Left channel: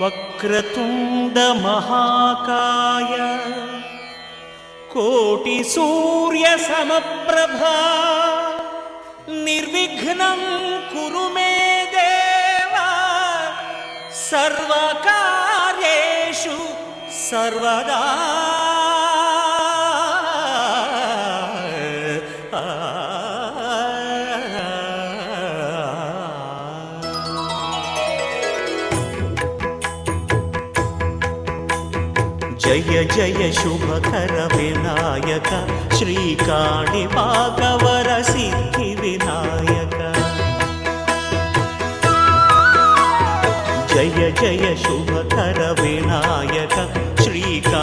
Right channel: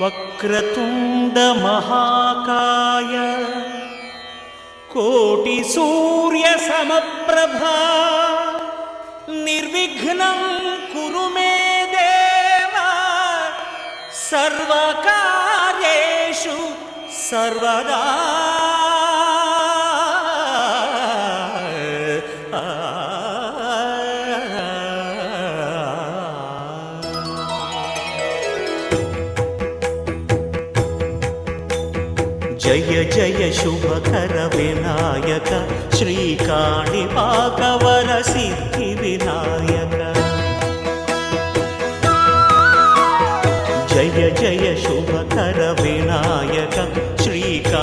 వక్రతుండ మహాకాయ కోటి సూర్య సమప్రభా నిర్విఘ్నం కురు మే దేవా సర్వకార్యేషు సర్వదా. జయ జయ శుభకర వినాయక శ్రీకాణిపాకవర సిద్ధి వినాయక. జయ జయ శుభకర వినాయక శ్రీకాణిపాకవర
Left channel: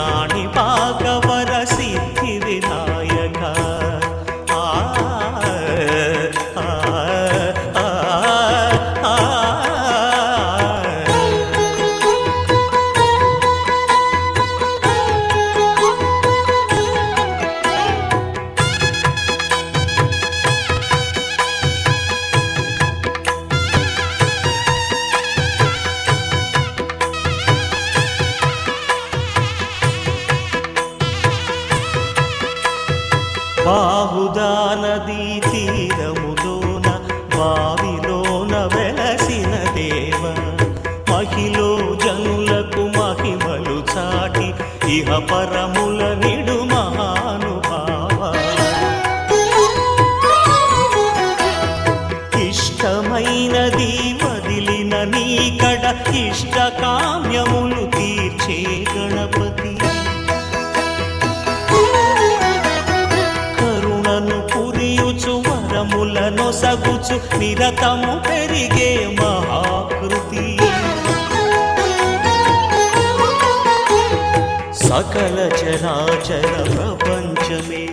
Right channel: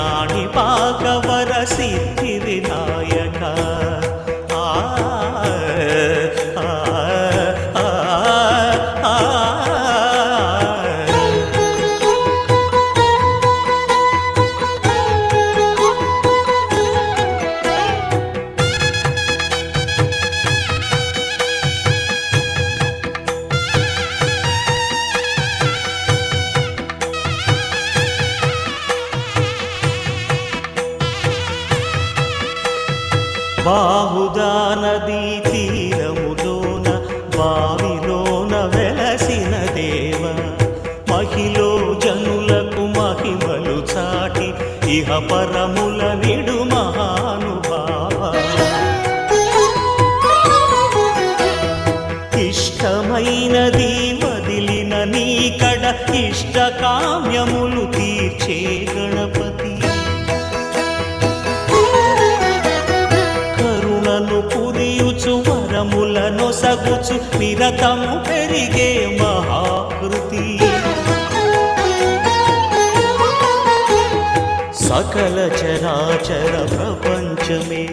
సిద్ధి వినాయక. బాహుదా నదీ తీరములోన బావిలోన వెలసిన దేవ మహిలో జనులకు మహిమలు చాటి ఇహ పరముల నిడు మహానుభావ. ఇష్టమైనది వదిలిన నీకడ ఇష్ట కామ్యములు తీర్చే గణపతి. కరుణను పురియుచు వరములను సగుచు నిరతము పెరిగే మహాకృతి. సకల చరాచర ప్రపంచమే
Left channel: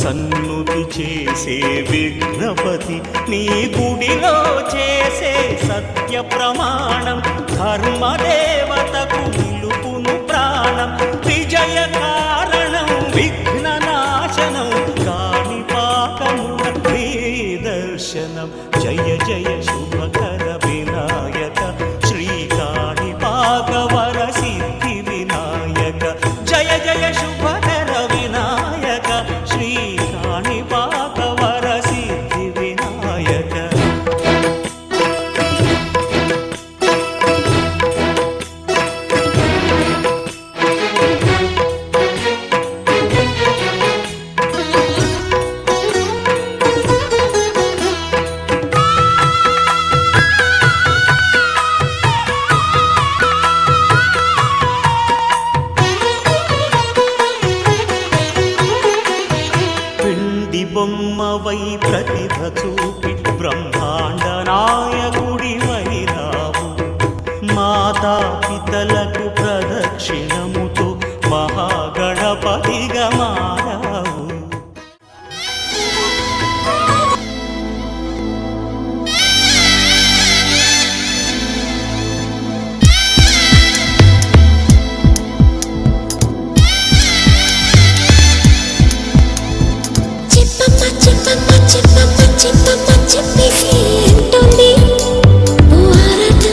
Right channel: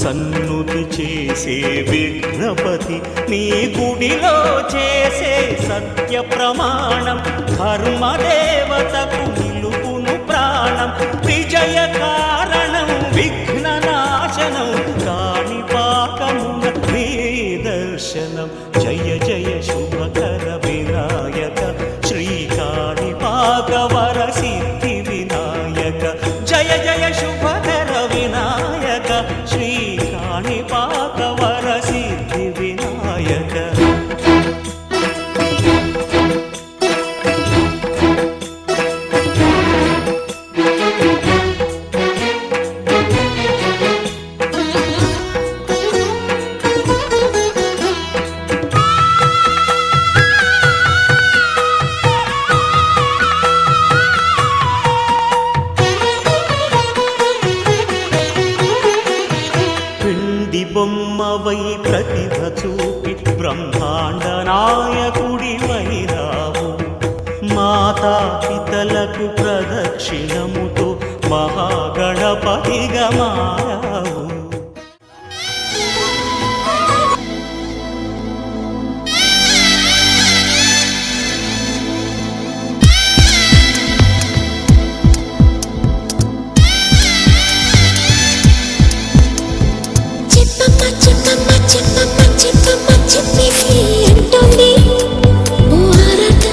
సన్నుతి చేసే విఘ్నపతి. నీ గుడిలో చేసే సత్య ప్రమాణం ధర్మదేవతకు నిలుపును ప్రాణం. విజయ కారణం విఘ్న నాశనం కాణిపాకమున నీ దర్శనం. జయ జయ శుభకర వినాయక శ్రీకాణిపాకవర సిద్ధి వినాయక. జయ జయ శుభకర వినాయక శ్రీకాణిపాకవర సిద్ధి వినాయక. బొమ్మవై ప్రతిభ చూపి బ్రహ్మాండ నాయకుడి వైరావు. మాతా పితలకు ప్రదక్షిణముతో మహాగణపతిగా మారావు. చెప్పేసి అంటుంది ఓ ఆరాట.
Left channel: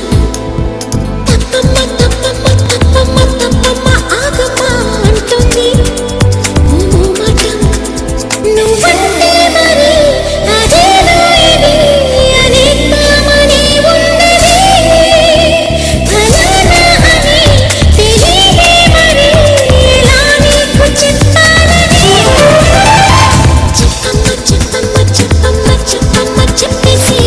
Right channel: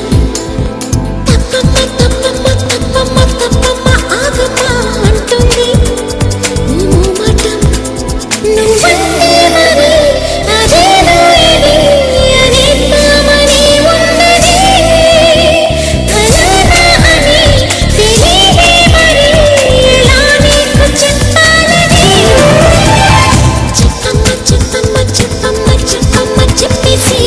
తప్పమ్మ తప్పమ్మ తప్పమ్మ తప్పమ్మ ఆగమ్మ అంటుంది ఓ మోమాటం. నువ్వంటే మరి అదేదో ఇది అనేద్దామని ఉన్నది. ఫలానా అని తెలియదే మరి ఎలా నీకు చెప్పాలని. చెప్పమ్మ చెప్పమ్మ చెప్పమ్మ చెప్పమ్మ చెప్పేసి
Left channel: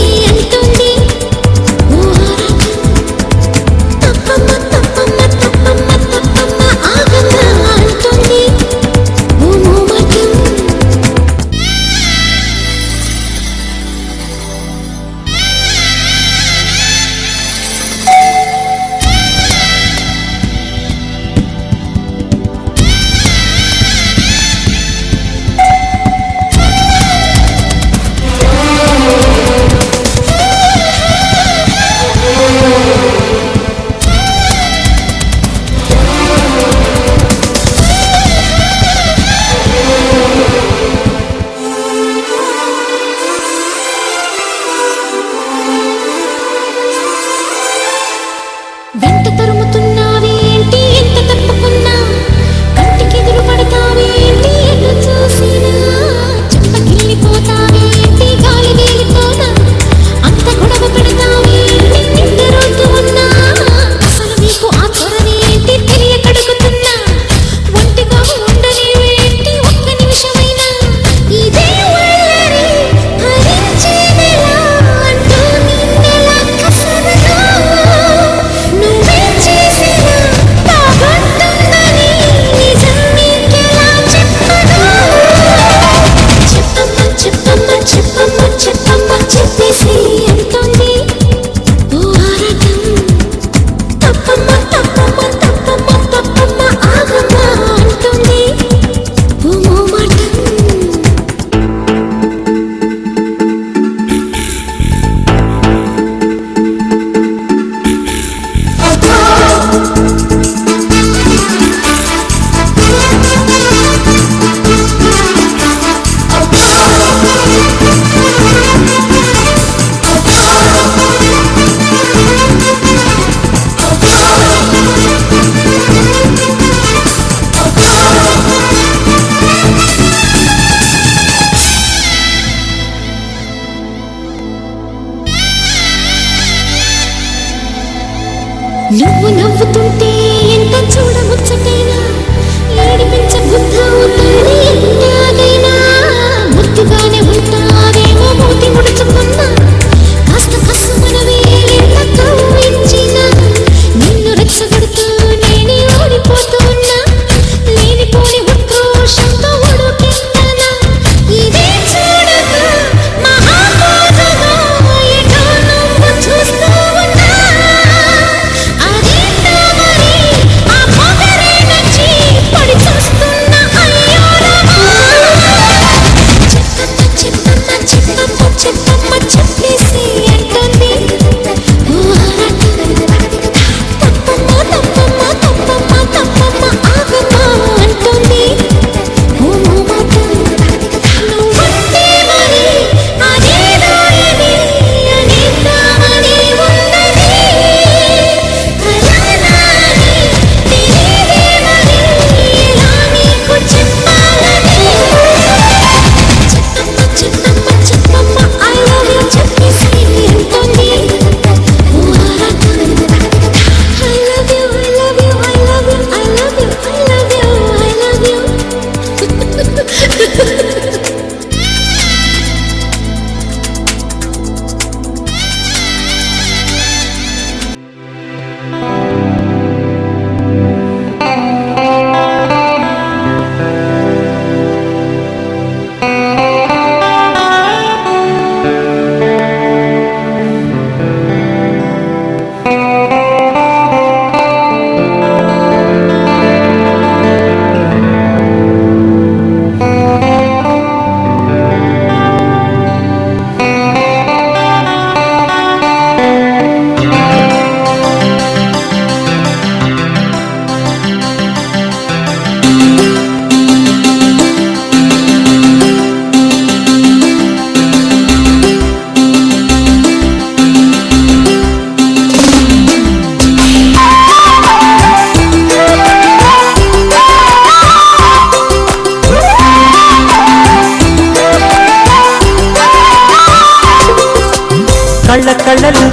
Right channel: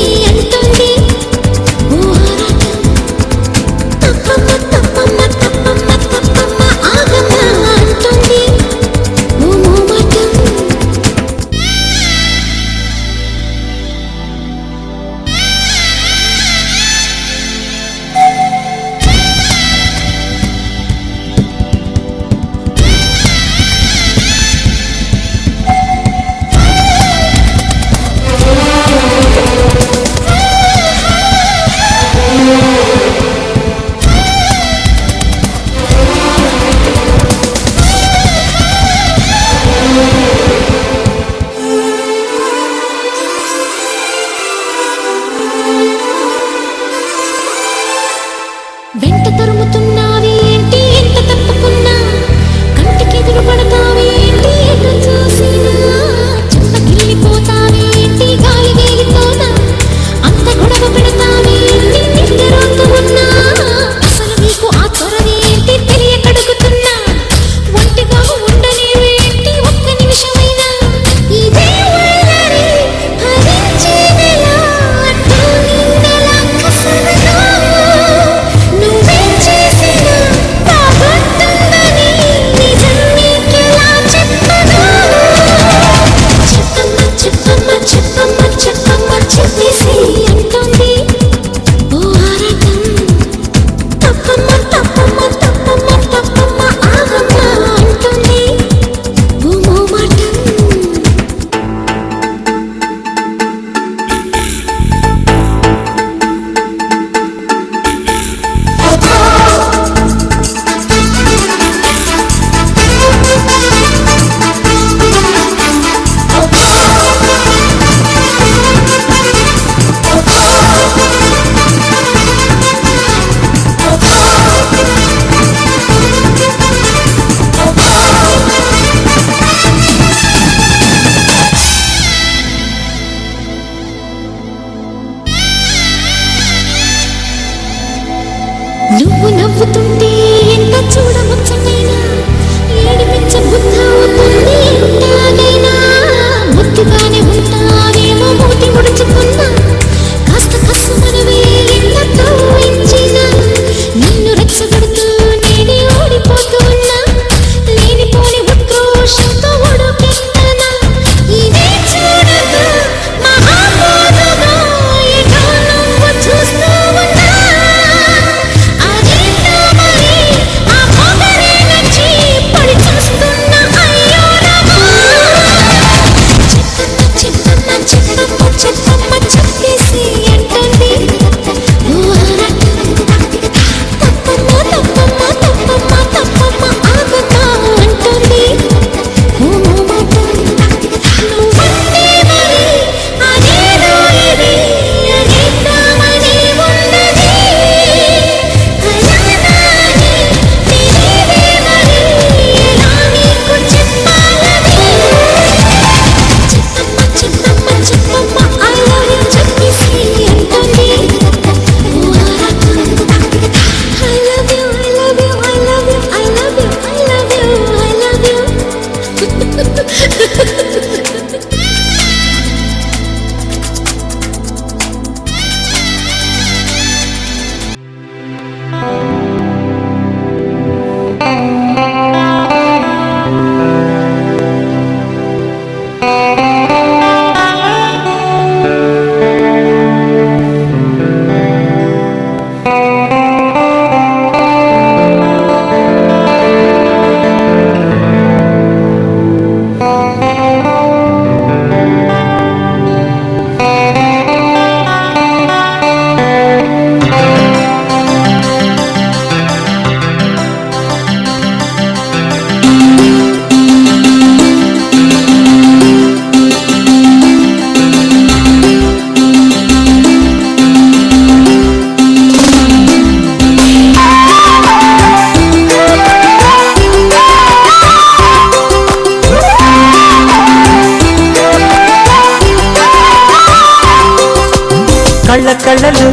కళ్ళ కళ్ళలు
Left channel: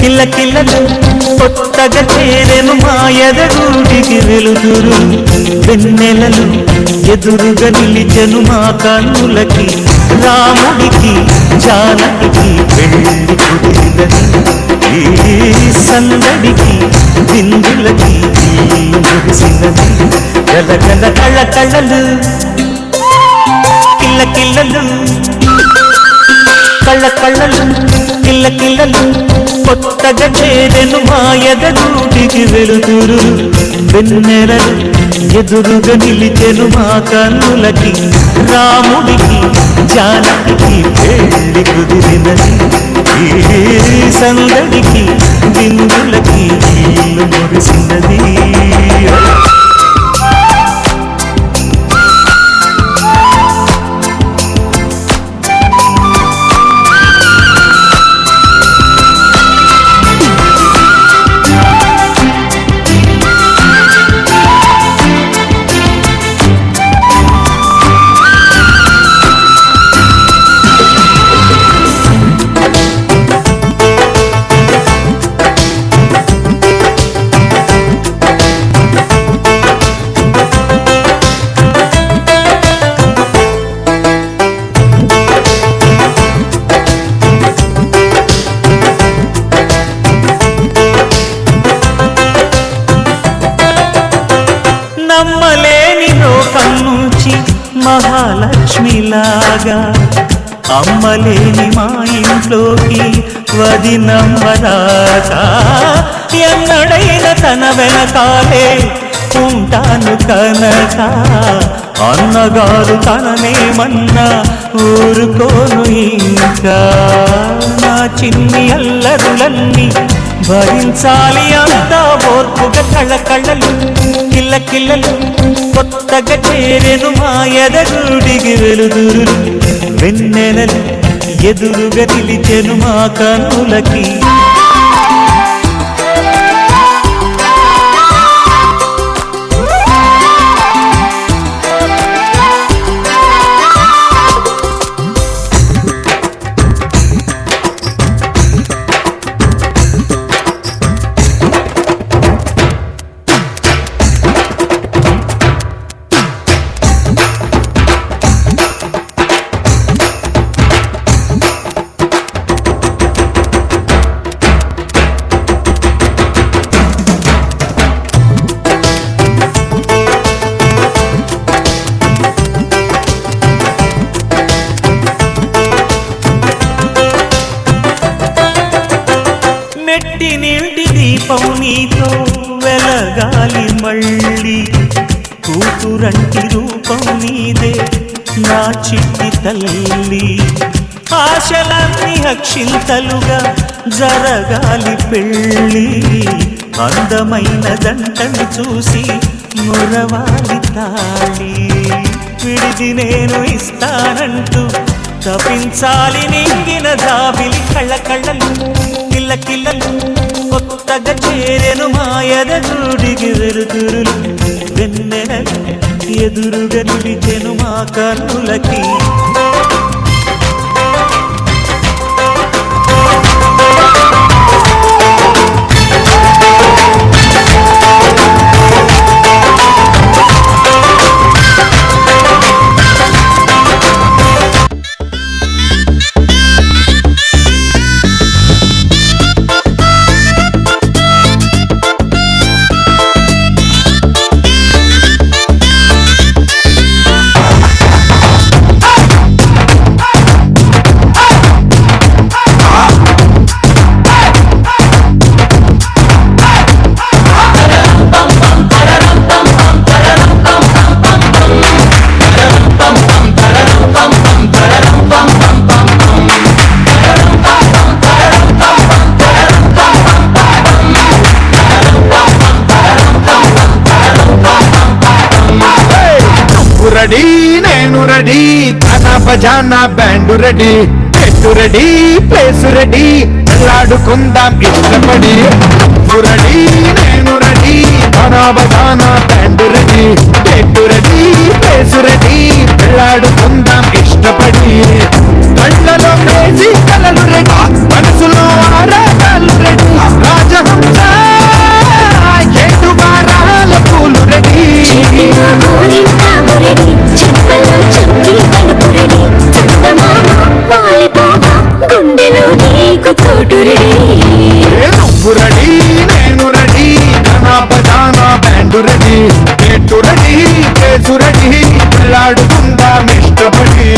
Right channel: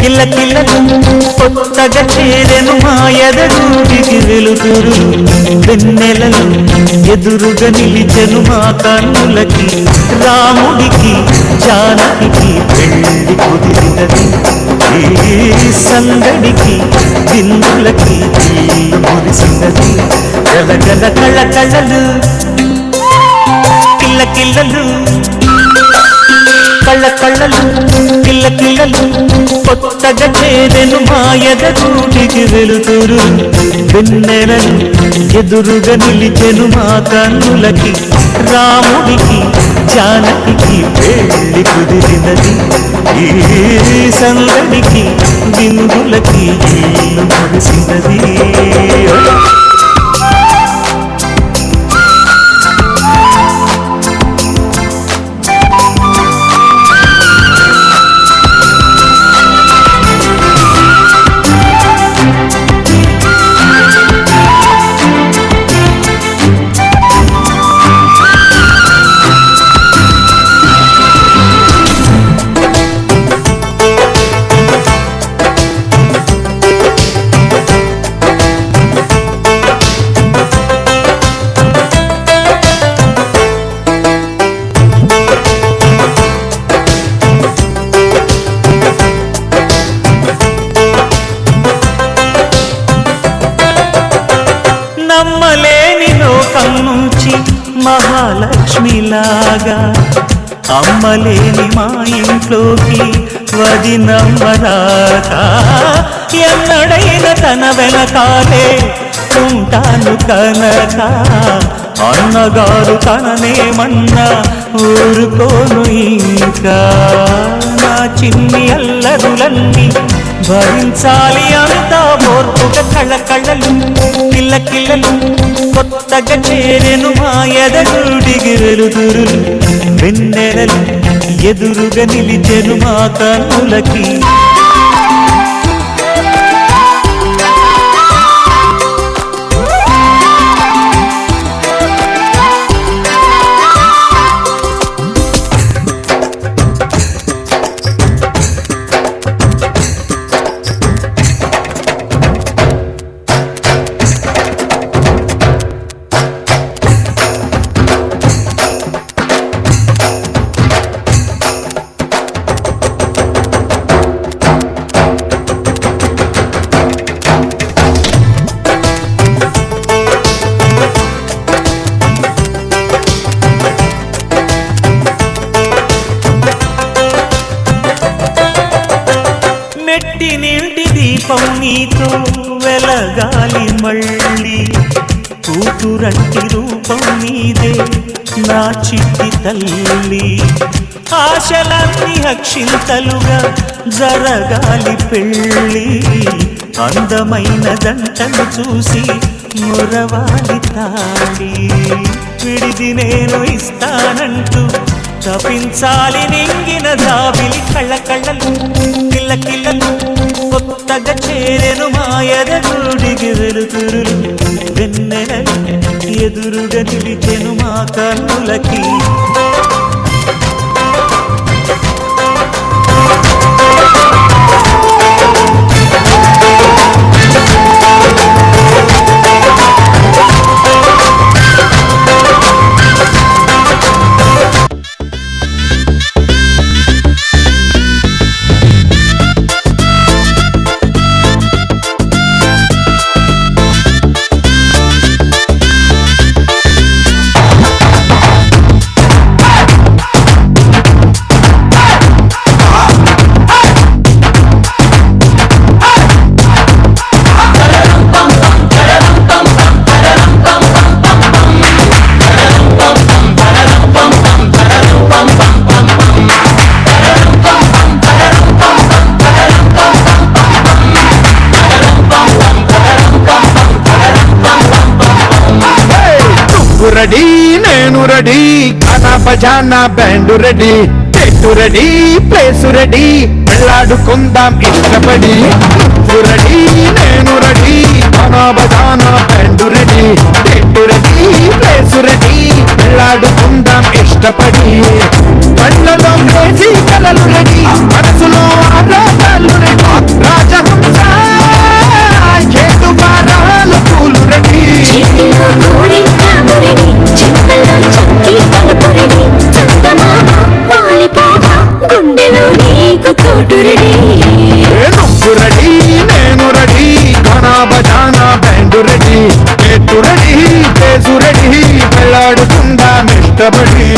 కిల్ల కిల్లలు కొత్తగా చేరెను మా ఎదగూటికి వెలుతురు వెన్నెలలు ఎదురుగా నిలిచెను మా కన్నులకి రాముడికి జానకి పెళ్లి కుదిరినది ఈ సందడికి బిందులకి ఇల్లు మురిసినది గలగల కళ్ళ కళ్ళలు కిల్ల కిల్లలు కళ్ళ కళ్ళలు కిల్ల కిల్లలు కొత్తగా చేరెను మా ఎదగూటికి వెలుతురు వెన్నెలలు ఎదురుగా నిలిచెను మా కన్నులకి రాముడికి జానకి పెళ్లి కుదిరినది ఈ సందడికి బిందులకి ఇల్లు మురిసినది నమ్మలేని లోకం నుంచి మహాలక్ష్మిలాగా అమ్మలేని మా ఇంట్లోకి వదినమ్మరాక ఎన్నడైన తన వెనకాలే ఉంటాను కనక అన్నగారు తననేమన్నా ఊరుకోను ఇంకా నా చిన్ని అల్లరులన్నీ భరించాలి అంతా ఓర్పుగా కళ్ళ కళ్ళలు కిల్ల కిల్లలు కొత్తగా చేరెను మా ఎదగూడికి వెలుతురు వెన్నెలలు ఎదురుగా నిలిచెను మా కన్నులకి మెట్టి నీటి దీపం నీతో వెలగాలి మళ్ళీ కూతురంటి రూపం నీదే నా చిట్టి తల్లి ఆశలన్నీ అక్షింతలుగా జరగాలి పెళ్ళి అందమైన జంటను చూసి మురవాలి తాళి విడిది నేను ఇస్తానంటూ తపించాలి నింగిన జాబిలి కళ్ళ కళ్ళలు కిల్ల కిల్లలు కొత్తగా చేరెను మా ఎదగూడికి వెలుతురులు వెన్నెలలు ఎదురుగా నిలిచెను మా కన్నులకి రెడీ నేను రెడీ ఖానా బజానా బ్యాండ్ రెడీ చెట్టు రెడీ ప్లేస్ రెడీ వెళ్ళాడుకుందాం ఇష్టపడి రెడీ నేను రెడీ ఖానా బజానా బ్యాండ్ రెడీ చెట్టు రెడీ ప్లేస్ రెడీ వెళ్ళాడుకుందాం ఇష్టపడి కళ్ళలో క్రేజీ కలలు రెడీ, మనసులో ఆరాటాలు రెడీ, రాజహంస ఏడు వారాల పూలు రెడీ. చేతిలో గోరింటాకు రెడీ, చెంపలో చంకీ తలుపు రెడీ, చందమామ వాలిపోగా గుండెలో నీకు తోడు రెడీ. నువ్వు రెడీ నేను రెడీ, గానా బజానా బ్యాండు రెడీ, పెట్టు రెడీ కేసు రెడీ, పెళ్ళాడుకుందాం ఇష్టపడి.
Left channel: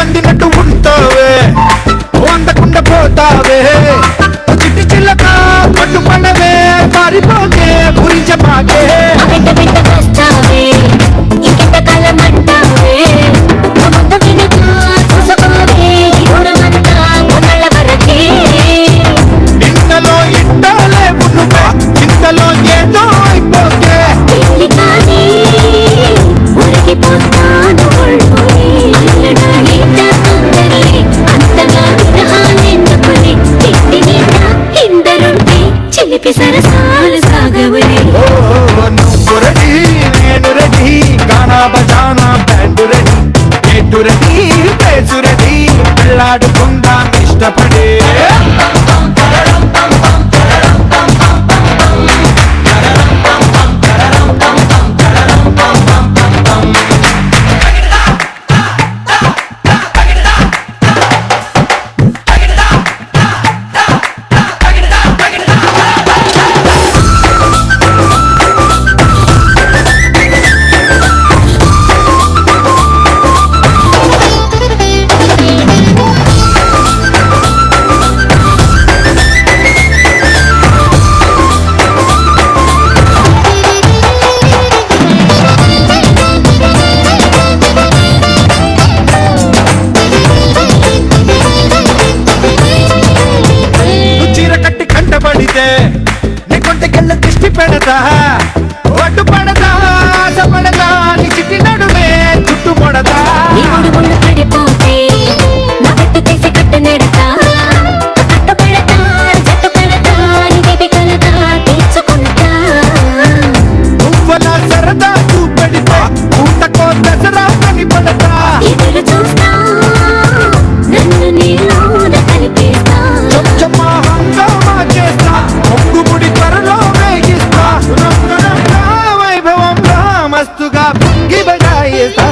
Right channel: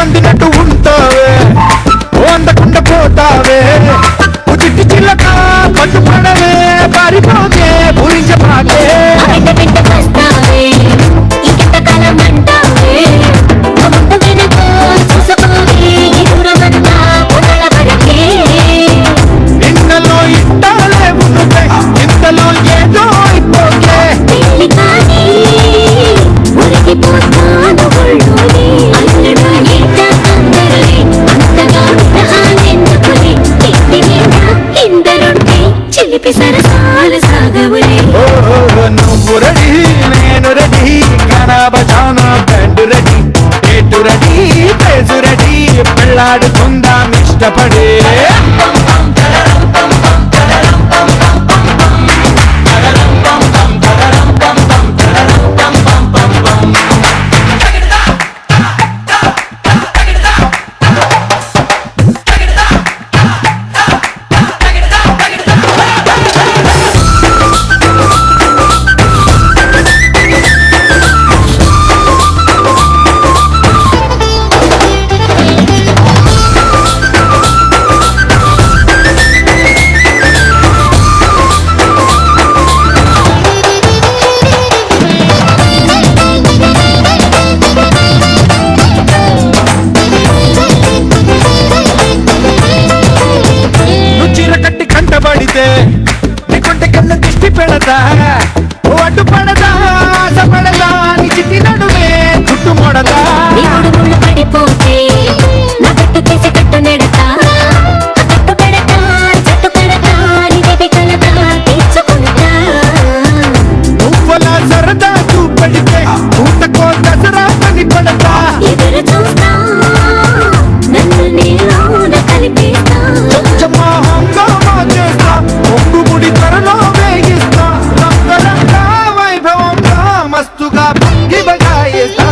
అందినట్టు ఉంటావే, అందకుండా పోతావే, చిట్టి చిల్లక పట్టుపడవే, పారిపోకే పూరించపాకే. వెంట వెంట వస్తావే, ఇంకెంత కాలం అంటావే, ముందు వెనుక చూసుకోవే, ఈ దూరమంతా కొనల వరకే. నిన్నలో ఇట్టాలేవు నువ్వే, ఇంతలో ఏదో అయిపోకే. పెళ్లి కానీ ఉరిగిపోతాను ఒళ్ళోనే, అల్లుడు ఈత తొందరలే, అంతగా విరహాలెందుకులే, ఇంటి నిండా ఇందరుంటే చిలిపి సరసాలు సాగవలే. నువ్వు రెడీ నేను రెడీ, గానా బజానా బ్యాండు రెడీ, ఎటు రెడీ ప్లేసు రెడీ, పెళ్ళాడుకుందాం ఇష్టపడే. కంటబడితే నీకుంటే కళ్ళ దిష్టి పెడతా, అడ్డు పడదా ఆశ పడదా, నీ చిట్టి నడుమే చుట్టుమొడదా. ఇప్పుడు ముళ్ళు పడిపోతే నా పెట్టు చేసి కట్టు నెడతా, కట్టు పెడతా జట్టు పెడతా, నిధి కలతా తీర్చుకుంటా. నువ్వలా సరదా చూపెడితే ఊటకో దసరా పని పడతా. ఎదురు చూస్తా నన్ను నీలోన కలిపేస్తా, చచ్చమ్మా హంగామా చేస్తా, పొంగుముడి త్వరలో వేగిస్తా, రంగరంగా వైభవంగా మస్తుగా పొంగి బజాయిస్తా.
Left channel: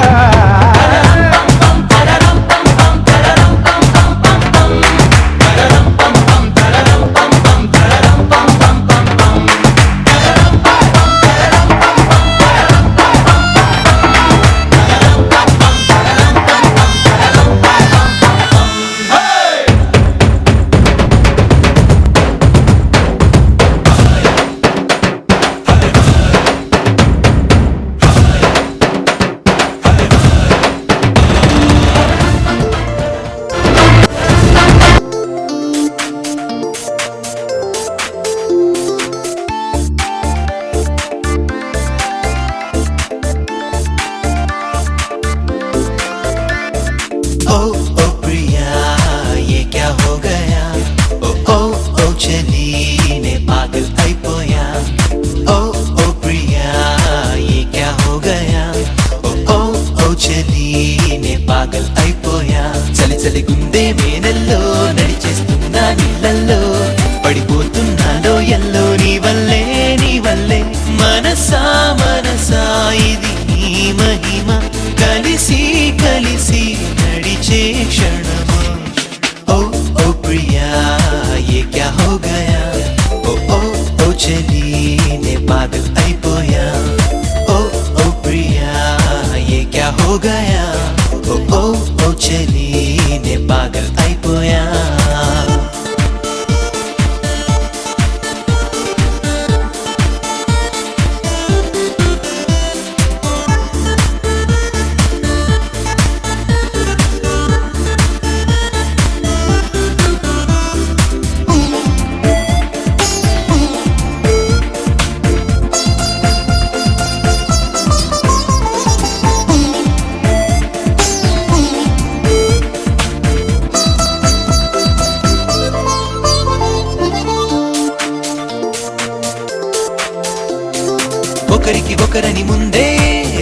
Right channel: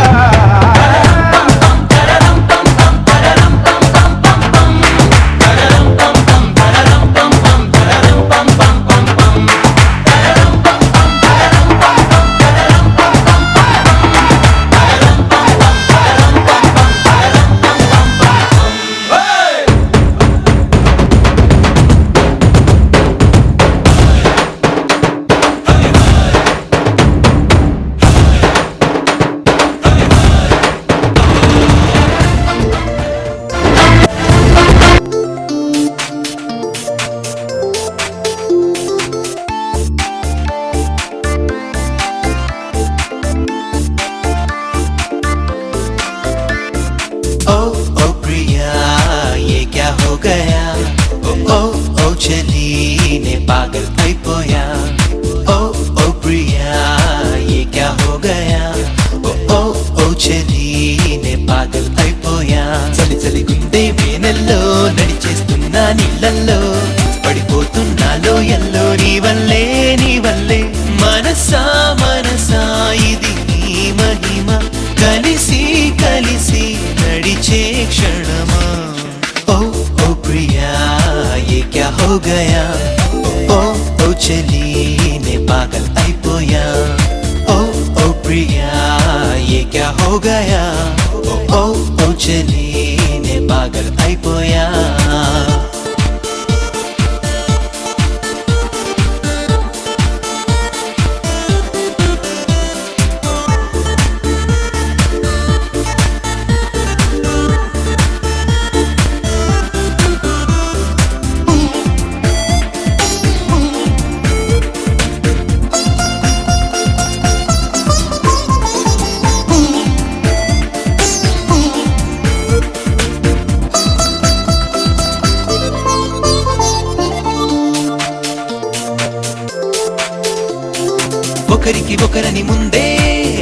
ఒకరని ముందే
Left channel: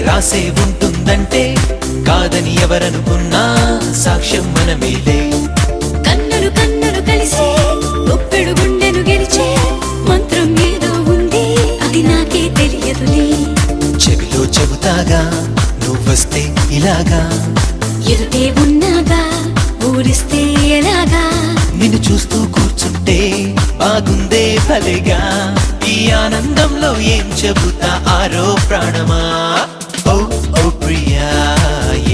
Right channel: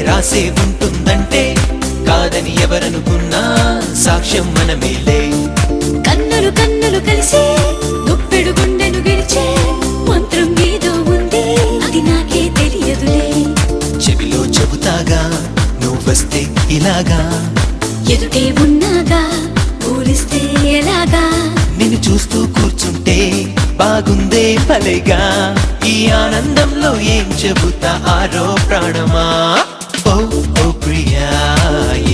రాసే ఉంటుందంటే కాదని ఎవరనుకున్నా సాక్ష్యం మనమేలే. కన్నులు కన్నులు కలిసి గుప్పెడు గుండెను గెలిచే మంత్రం ఏదో ఉంది, అది నాకే తెలియదులే. చెవిలో చెబుతాగా నువ్వొస్తే ఇలాగా, ఎదుటే ఉన్నాగా ఊరిస్తే ఎలాగా. నిన్ను చూస్తూ కూర్చుంటే బాగుందే భలేగా, ఈ ఆనందంలో ఏం చెబుతా ఆరో ప్రాణమా. ఓ ఓ ప్రియా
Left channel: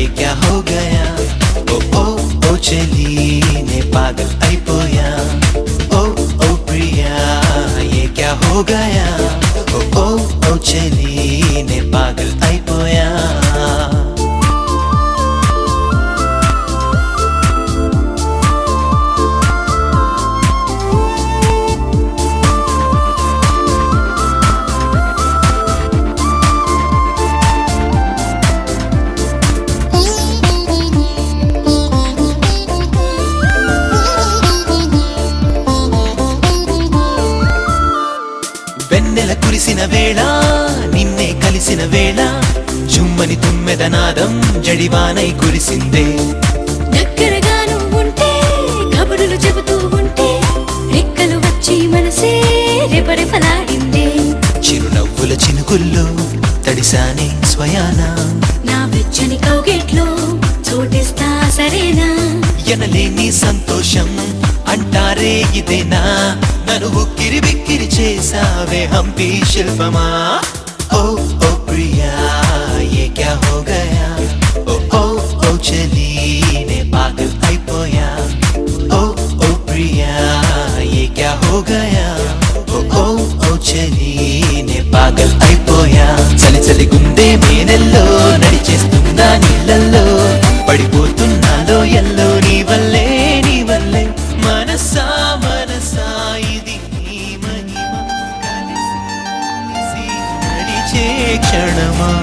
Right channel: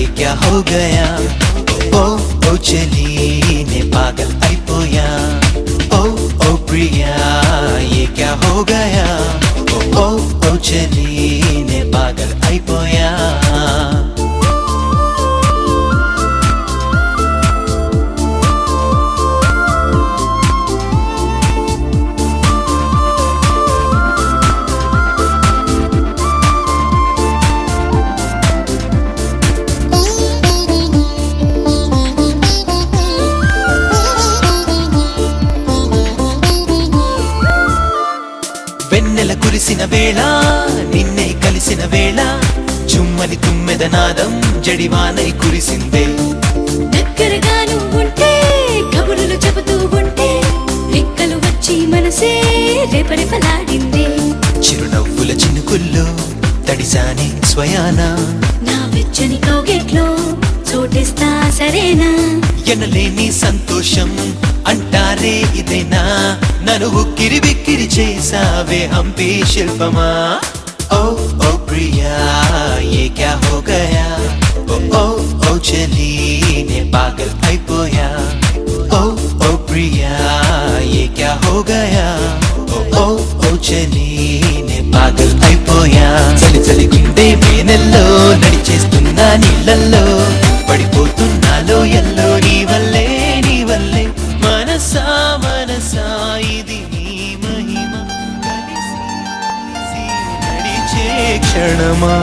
ఏ క్యా హో గయా, ఓ ఓ ఓ చలి నే పాగల్ అయిపోయా. ఓ ఓ ప్రియా ఏ క్యా హో గయా, ఓ ఓ ఓ చలి నే పాగల్ అయిపోయా. వెన్నెల కురిసిన వేళ నిన్నే కలిసిన వేళ, చుమ్మని తుమ్మెదనాదం జడివానై కురిసిందే. దగ్గరగాను ఉంటే కబురులు చెబుతూ ఉంటే రెక్కలు వచ్చి మనసే రెపరెపలాడిందే. చిరునవ్వుల చినుకుల్లో తడిసాని స్వయాన, నా వెచ్చని కౌగిట్లో చోటిస్తా సరేనా. ఎనలేని సంతోషం అంటారే ఇదేనా, నన్ను ఉక్కిరి బిక్కిరి చేసావే హంపి శిల్పమా. ఓ ఓ ప్రియా ఏ క్యా హో గయా, ఓ ఓ ఓ చలి నే పాగల్ అయిపోయా. ఓ ఓ ప్రియా ఏ క్యా హో గయా, ఓ ఓ ఓ చలి నే పాగల్ అయిపోయా. చలి చలి గుండె మేనెల్లో నడిచేస్తున్నా నీళ్ళల్లో, పడిపోతున్నాలో ఎల్లో నీ వల్లే నీ వల్లే. మనసా మనసా ఇది నీ మహిమ, కలిసి నడిచే క్షణమా.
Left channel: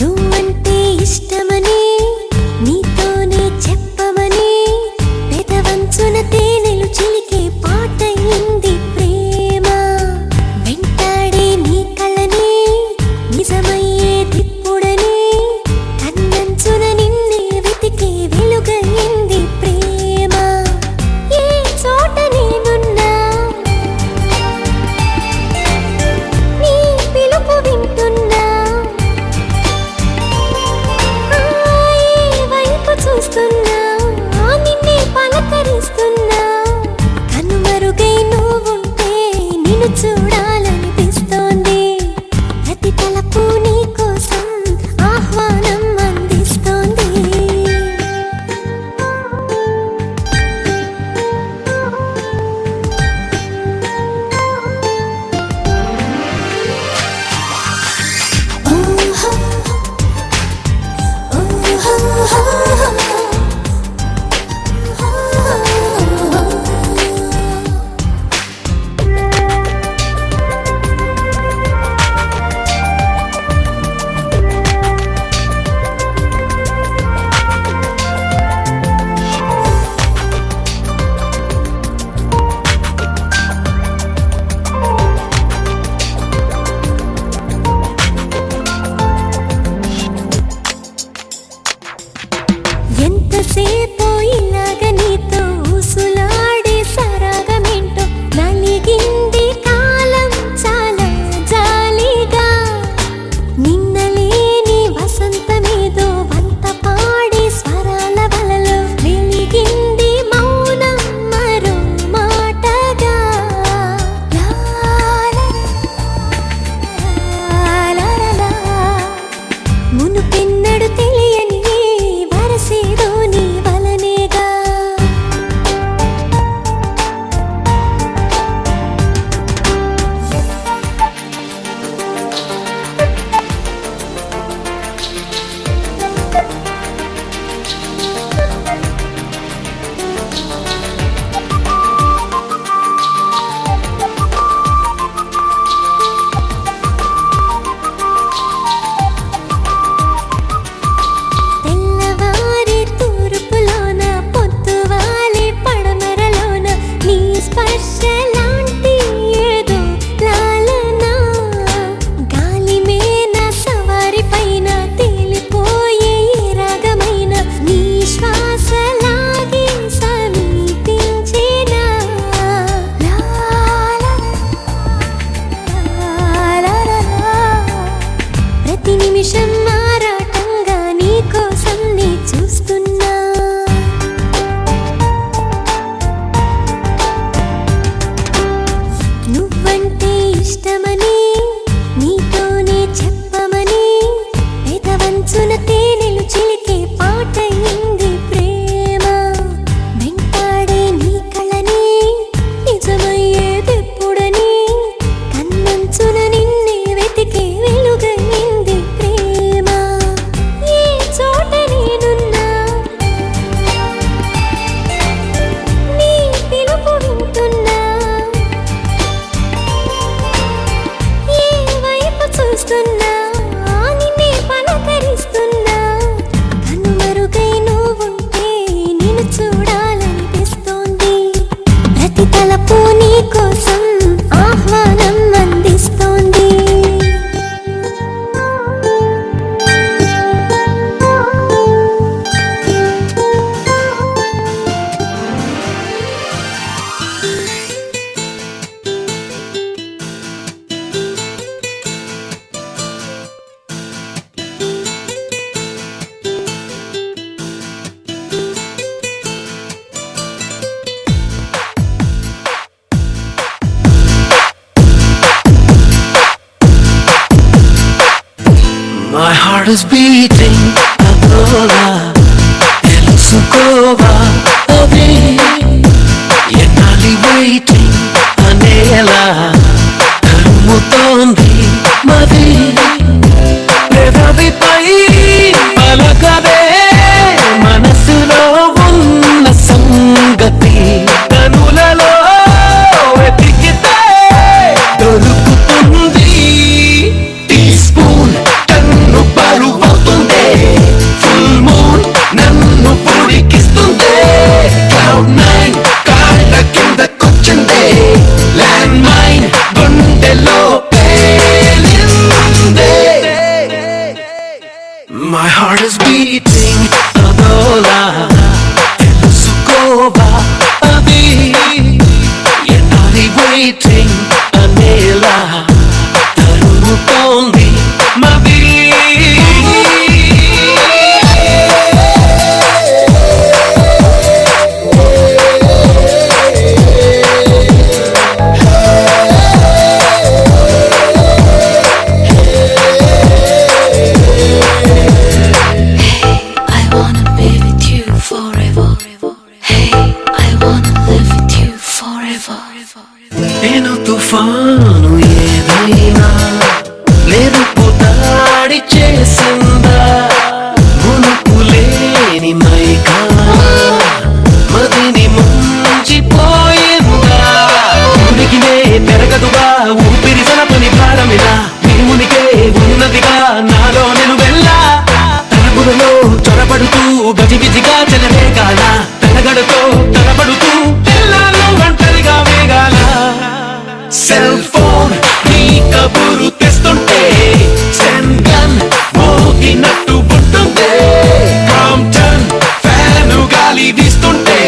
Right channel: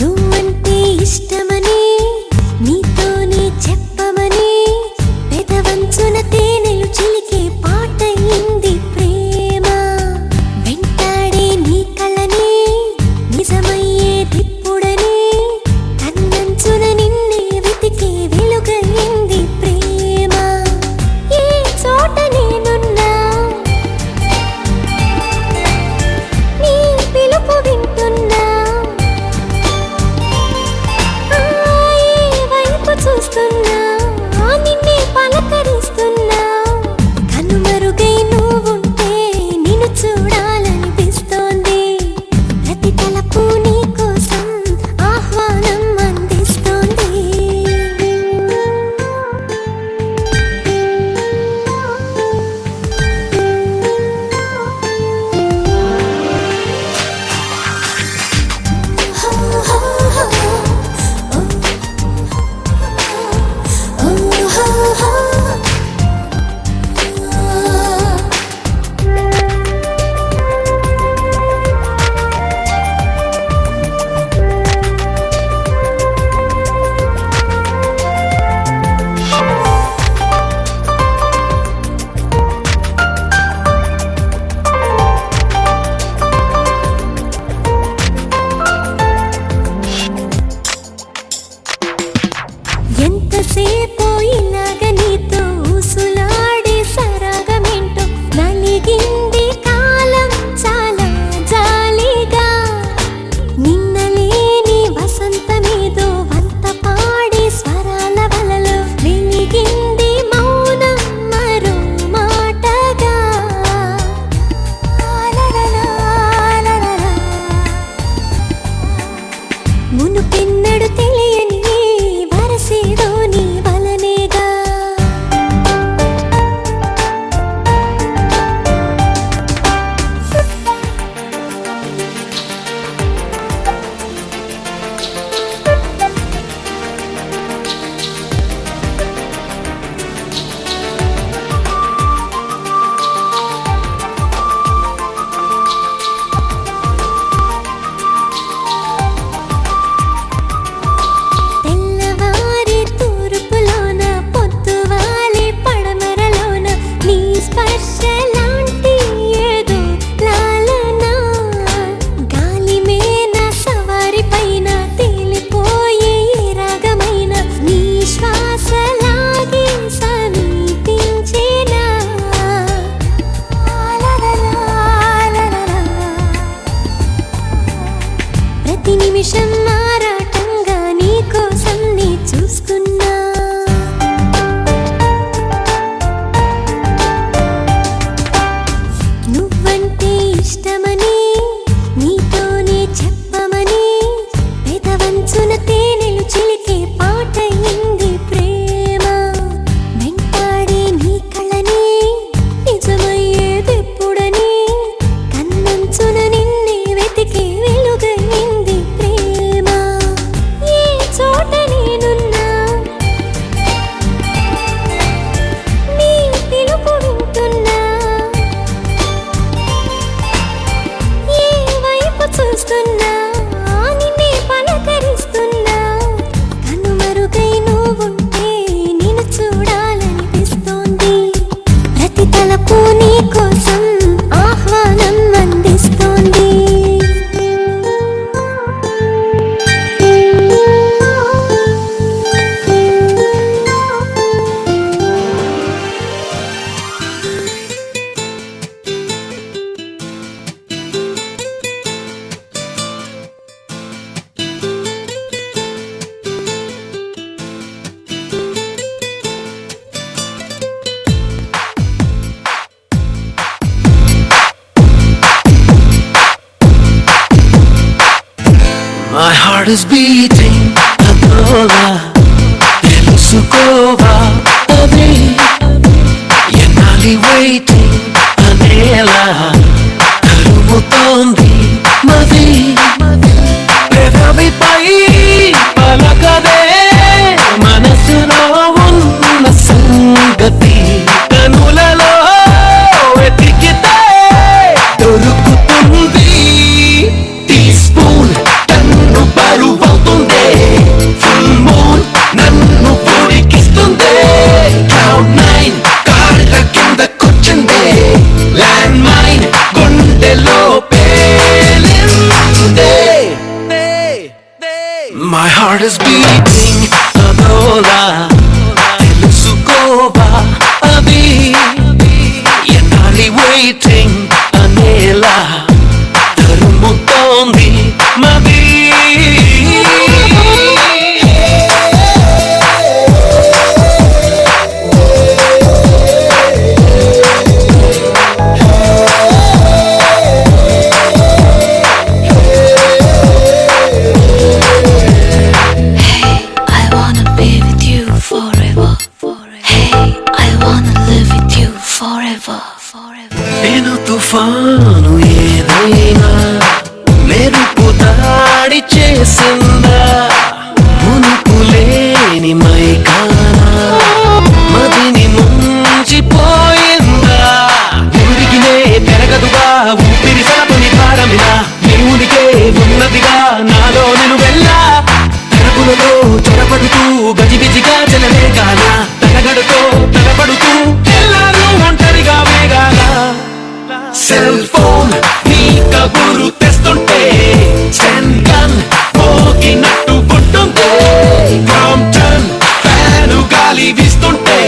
నువ్వంటే ఇష్టమని నీతోనే చెప్పమని ఇష్టమని నీతోనే చెప్పమని పెదవంచున తేనెలు చిలికే పాటయింది ప్రేమ వెంటాడే నీ కళని నిజమయ్యేదెప్పుడని కన్నంచున నిన్నే వెతికే వెలుగయింది ప్రేమ ఏ చోట నేనున్నా నీ పిలుపు వింటున్నా ఏ వైపు చూస్తున్నా నిన్నే పలకరిస్తున్నా కనుమరుగై నువ్వుంటే నిన్ను చూడాలనిపిస్తోంది ప్రతి తలపు నీ కోసం ఆహ్వానం అందిస్తోంది My heart is beating Adola Telusukova Adi Yenali waiting Anela Karumutondi Madi Pedavi pai Palakade Manasulo Unna Sangati Kanulalo Etikite Dorukutundi Teaspoon నన్ను పరువవుతుందే ఫుల్ మూన్ నన్ను పొడికిస్తుందే క్లౌడ్ నైన్ కాళ్ళ కిందకొచ్చిందే ల్యాండ్ మైన్ గుండెలో పేలిందే మై హార్ట్ ఇస్ బీటింగ్ అదోలా తెలుసుకోవా అది ఎన్నాలి waiting అనేలా తరుముతోంది మది నేను తుఫాను ఏదైనా మెరుపు దాడి చేసిందా మునుపులేని మైకా మదిని ముంచిపోయిందా ఉడికినే పెరగదుగా ఊపిరి సలపని భారమినా నీ ఉనికే ఉన్నదిగా నాలో నేను వెళ్ళా తరపులలో చొరబడుతూ గజిబిజిగా చెలవేగాల తలగడుతో తలబడుతూ ఎల్లాలు ఒంటరిగా వేగాల సెల్ ఫోన్ నీ కబురు తెస్తుంటే స్టెన్ గన్ మోగినట్టు పుట్టుందే క్రాంప్టన్ ఫ్యాను గాలి వీస్తుంటే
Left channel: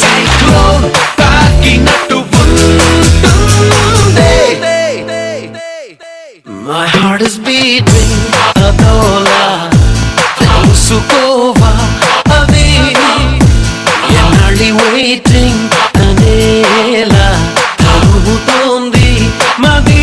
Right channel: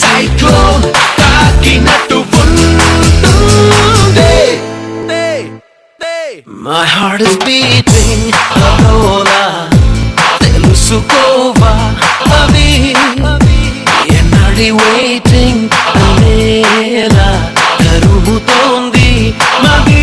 సైక్లోన్ తాకినట్టు ఉంటుందే మై హార్ట్ ఇస్ బీటింగ్ అదోలా తెలుసుకోవా అది ఎన్నాళ్ళి వెయిటింగ్ అనేలా తరుముతోంది మది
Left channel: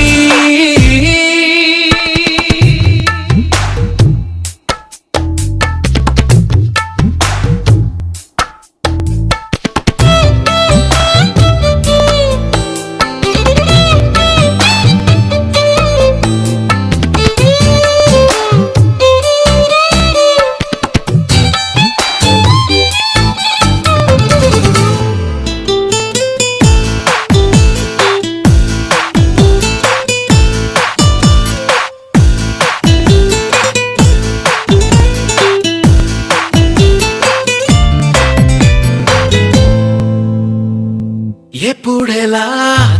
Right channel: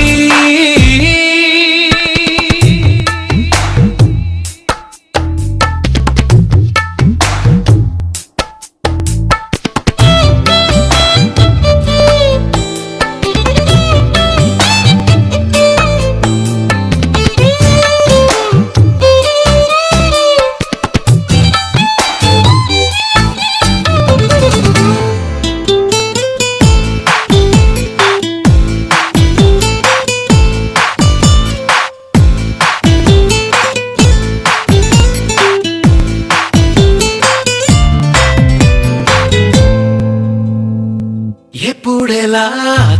ఎప్పుడెలా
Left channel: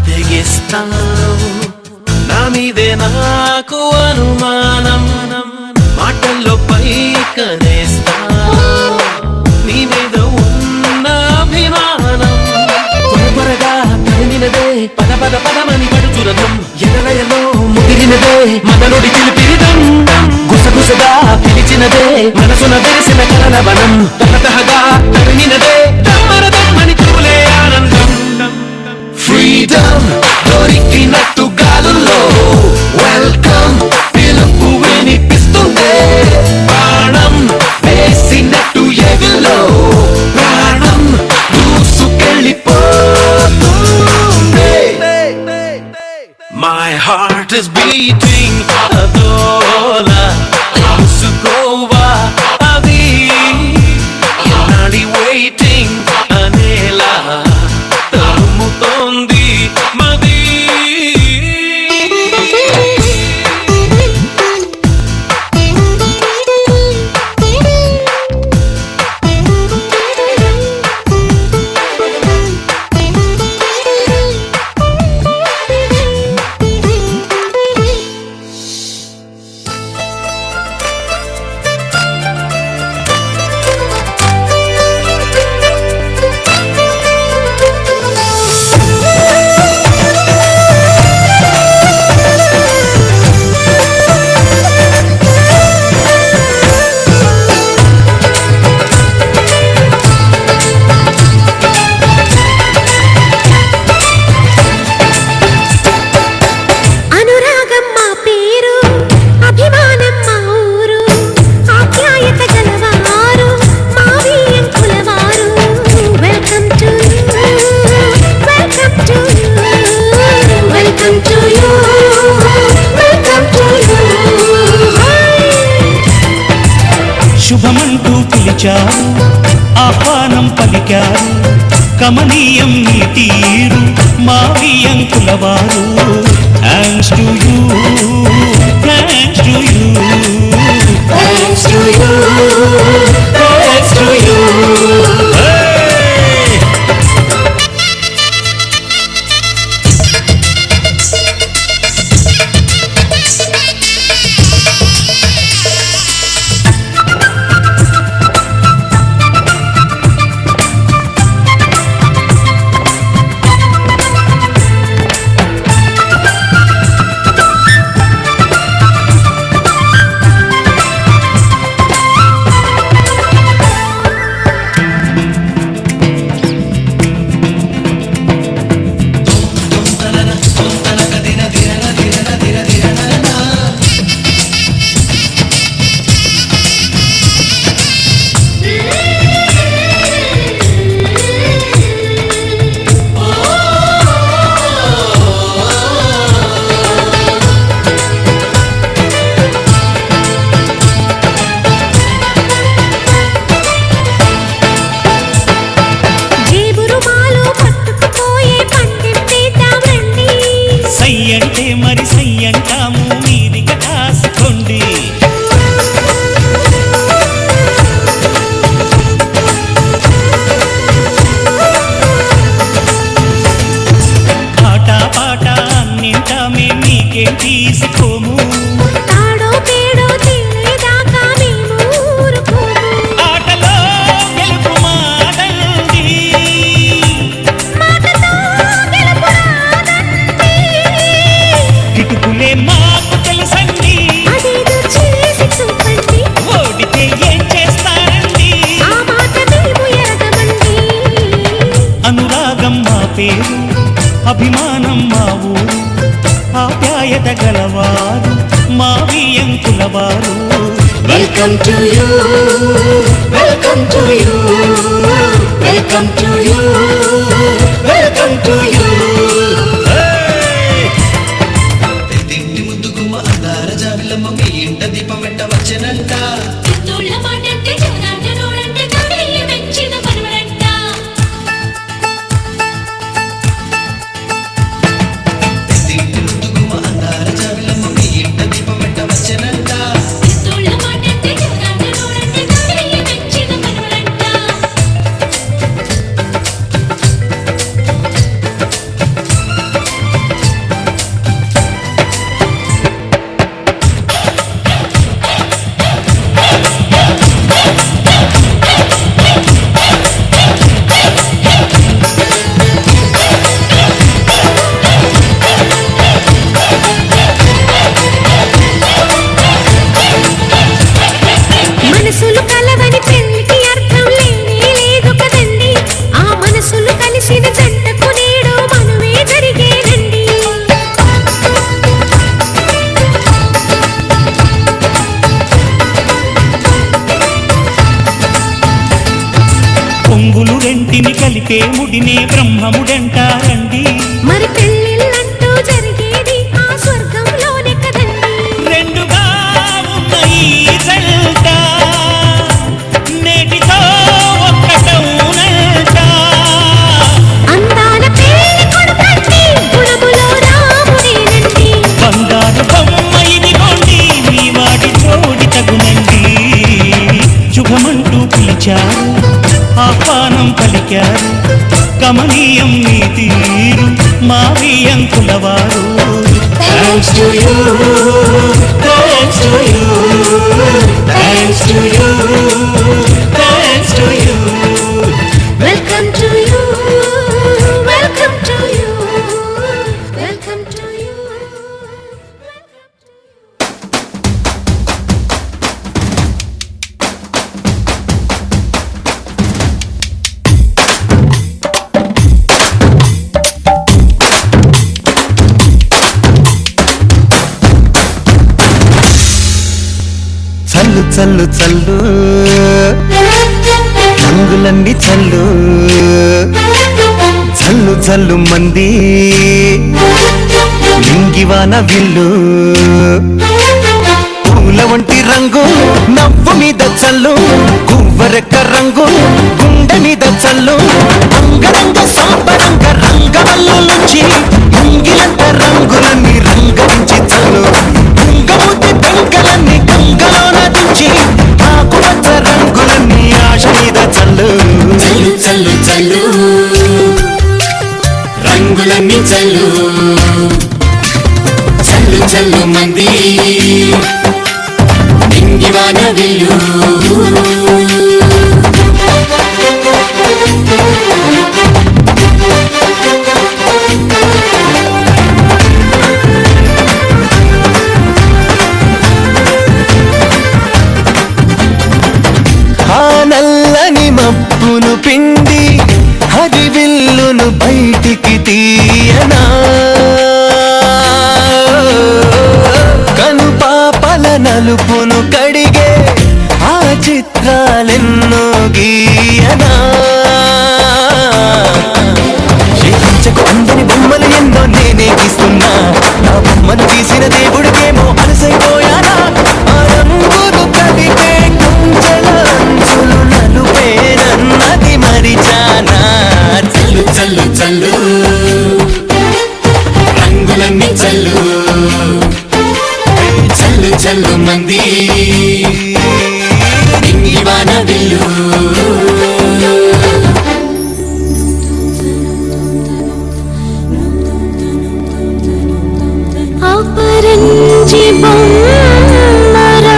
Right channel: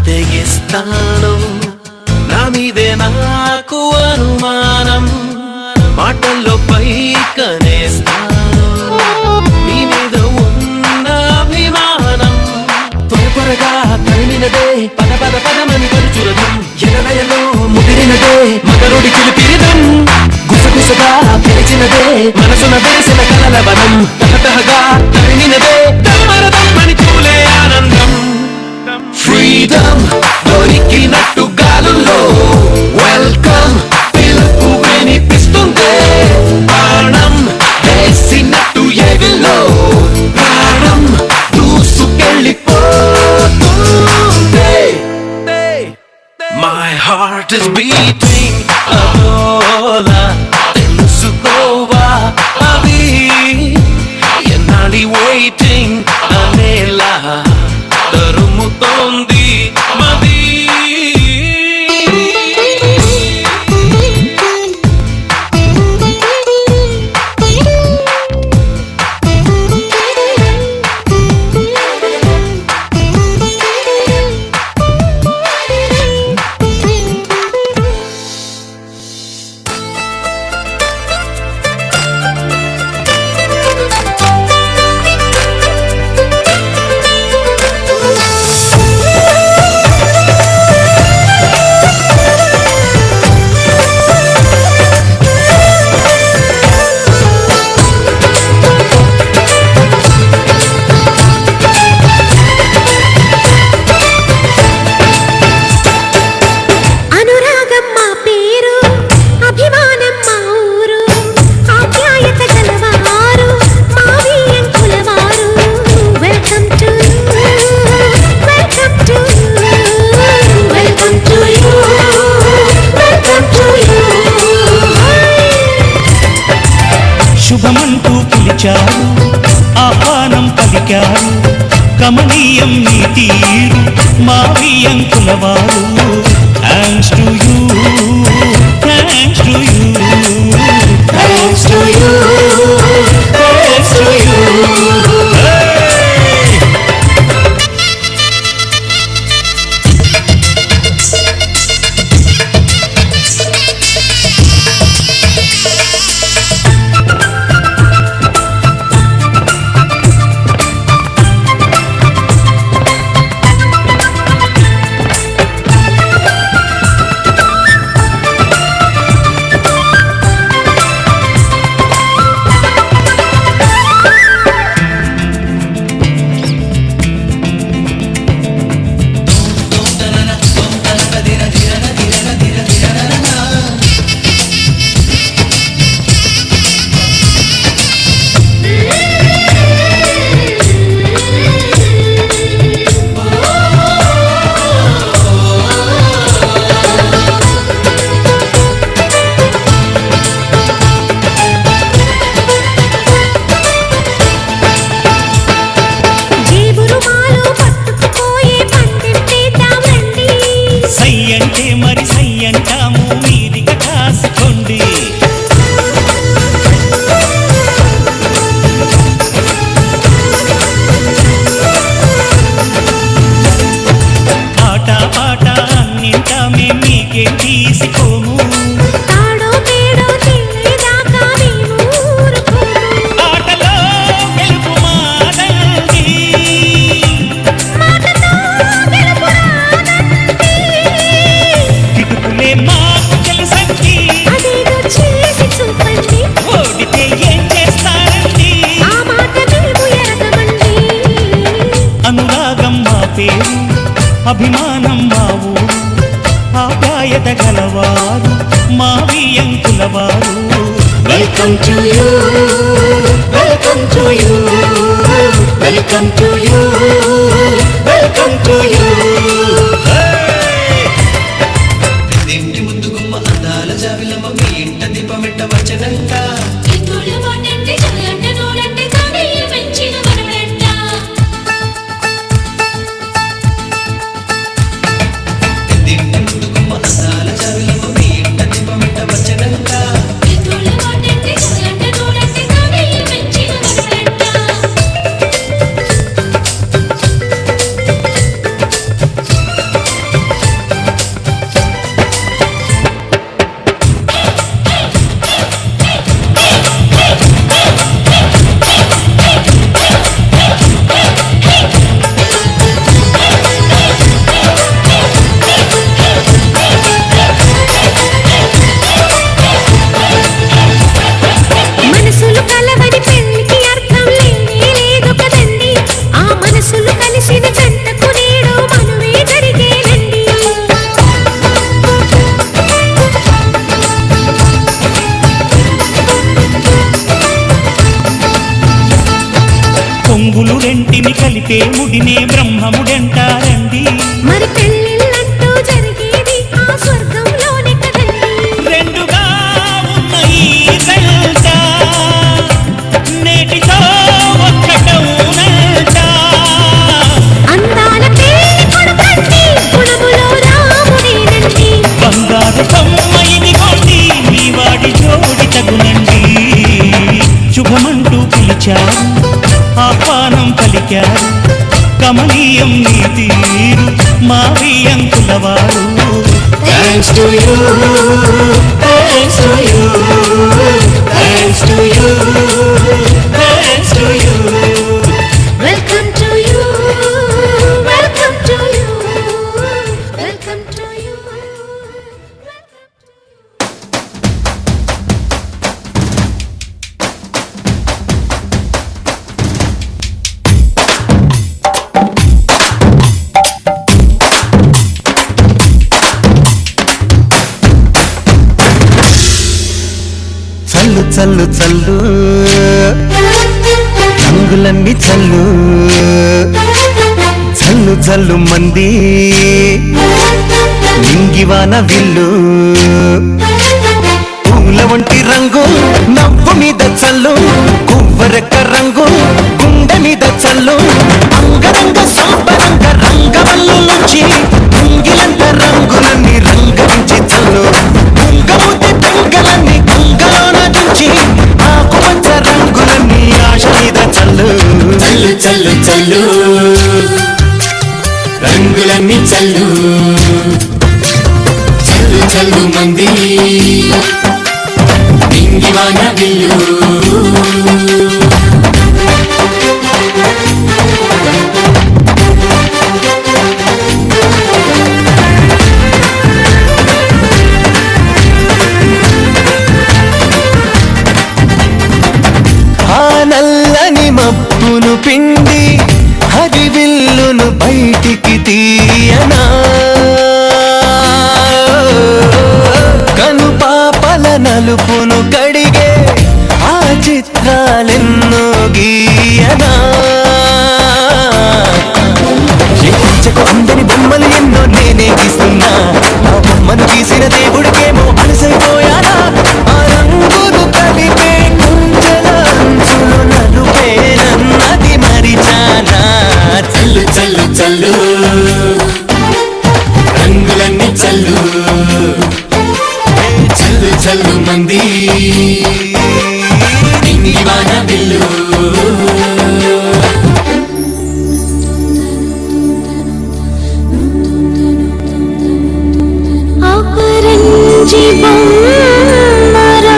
తెగిస్తాను నా మీదే నాకు అనుమానం మాటల్లో పైకనేస్తాను నీ మీద ఉన్న అభిమానం త్వరగా తరిమినదే పద పద పదమని పడుచురదం ఎదలయలో ముదిరినదే మదరుడి చిలిపిరిదం గుసగుసగా పిలిచినదే మనసున వేసిన కలల వనం తహతహగా తరిమినదే దమ్మరదమ్మని తూలే ఆనందం ఫ్రీడమ్ దొరికినట్టు గాలుల్లో పిలిచారు ఆహ్వానం పలికారు కమనీయం నీ తీరు మా వియంకులవారు thanks to you thanks to you thanks to you thanks to you అంటే మరి సయ్యంటాము మీదిక కాసుకోండి ఆట పాట అన్నింటా మేం మీకేం తీసుకోము తాడో పేడో తెలియదాకా మేము ఊరుకోము ఆటలో గెలుపు మాదండి మాటతో గెలుపు రాదండి కిటుకులే మాకు తెలుసండి అదేదో చేసి చూపండి ఓడితే ఏం చేస్తారండి ఆ మాట మేము ఎరగమండి అనురాగం మా పేరు అభిమానం మా ఊరు ఆప్యాయత గలవారు మా వియంకులవారు welcome to you welcome to you welcome to you welcome to you ఇంటి ముందు గుమ్మ అందాల జాబిలమ్మ మీ ఇంట దీపం వెంట వచ్చనంట మనసులు కలవని పెళ్లికి అర్థం లేనే లేదు కదండి ఆ మనసులు కలిసిన జంటకు నేడు మనువే జరిగేనండి కొంగులు రెంటిని కలిపే ముడినే బ్రహ్మముడంటారండి మరి పెళ్ళిళ్ళంటూ జరిగేది ఆ స్వర్గంలోనే కదండి రెండుగా ఉన్న ఈ జంట నేటితో ఒక్కటవునంట అందాల పెళ్లి కొడుకండి గుణములో రాముడేనండి బంగారు బొమ్మ ఇదిగోండి మీ వాడి జోడి తగునండి శుభమంటూ పిలిచారు ఆహ్వానం పలికారు కమనీయం నీ తీరు మా వియంకులవారు thanks to you thanks to you thanks to you thanks to you welcome to you welcome to you welcome to you చల్లు చల్లు చల్లు రంగులన్నీ చల్లు చల్లు చల్లు మంది నింగివాన విల్లు పూల వంటి రంగు నవ్వు మీద చల్లు గువ్వ కొబ్బరెక్క రంగు గుండె మీద చల్లు అంగరంగ సంబరంగ రంగవల్లు నుంచి ముంగిలంత రంగులన్నీ రంగరించి చల్లు కుంగముద్ది పెంకలన్నీ గంగలోన దుంచి ఆకుపచ్చ రంగులన్నీ ఆశ మీద చల్లు చల్లు చల్లు చల్లు రంగులన్నీ చల్లు చల్లు చల్లు మంది ఇంగివాన విల్లు ఆ నల్లని మబ్బును పిండి హరివిల్లును బయటికి తీయనా కను పాపల నలుపును కడిగే ఆ చిత్రాలెన్నో గీయనా శేఖించకు అందని బొమ్మలు ఎన్నో నేనే గీస్తున్నా నా బొమ్మను గీసిన దేవుడికేమో అలసైపోయానా ఆ రంగులు కలిపే కుంచెల అంచులు నలుపేనన్నది మరిచానా చల్లు చల్లు చల్లు రంగులన్నీ చల్లు చల్లు చల్లు మంది ఇంగివాన విల్లు అపరంజి బొమ్మరా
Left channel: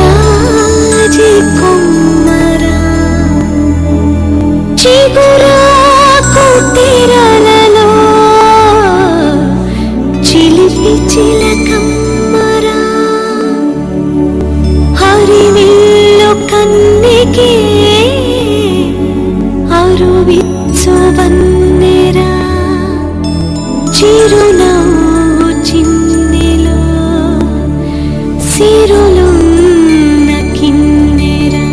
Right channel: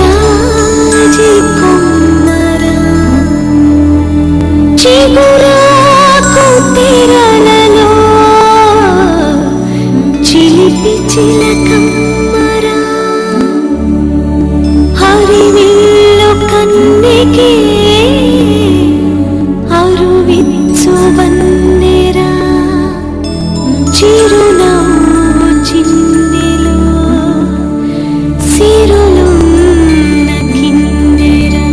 విరజాజి కొమ్మరా చిగురాకు తెరలలో చిలిపి చిలకమ్మరా హరివిల్లు కన్నికే అరువిచ్చు వన్నెరా చిరునవ్వు చిన్నెలో సిరులున్న కిన్నెరా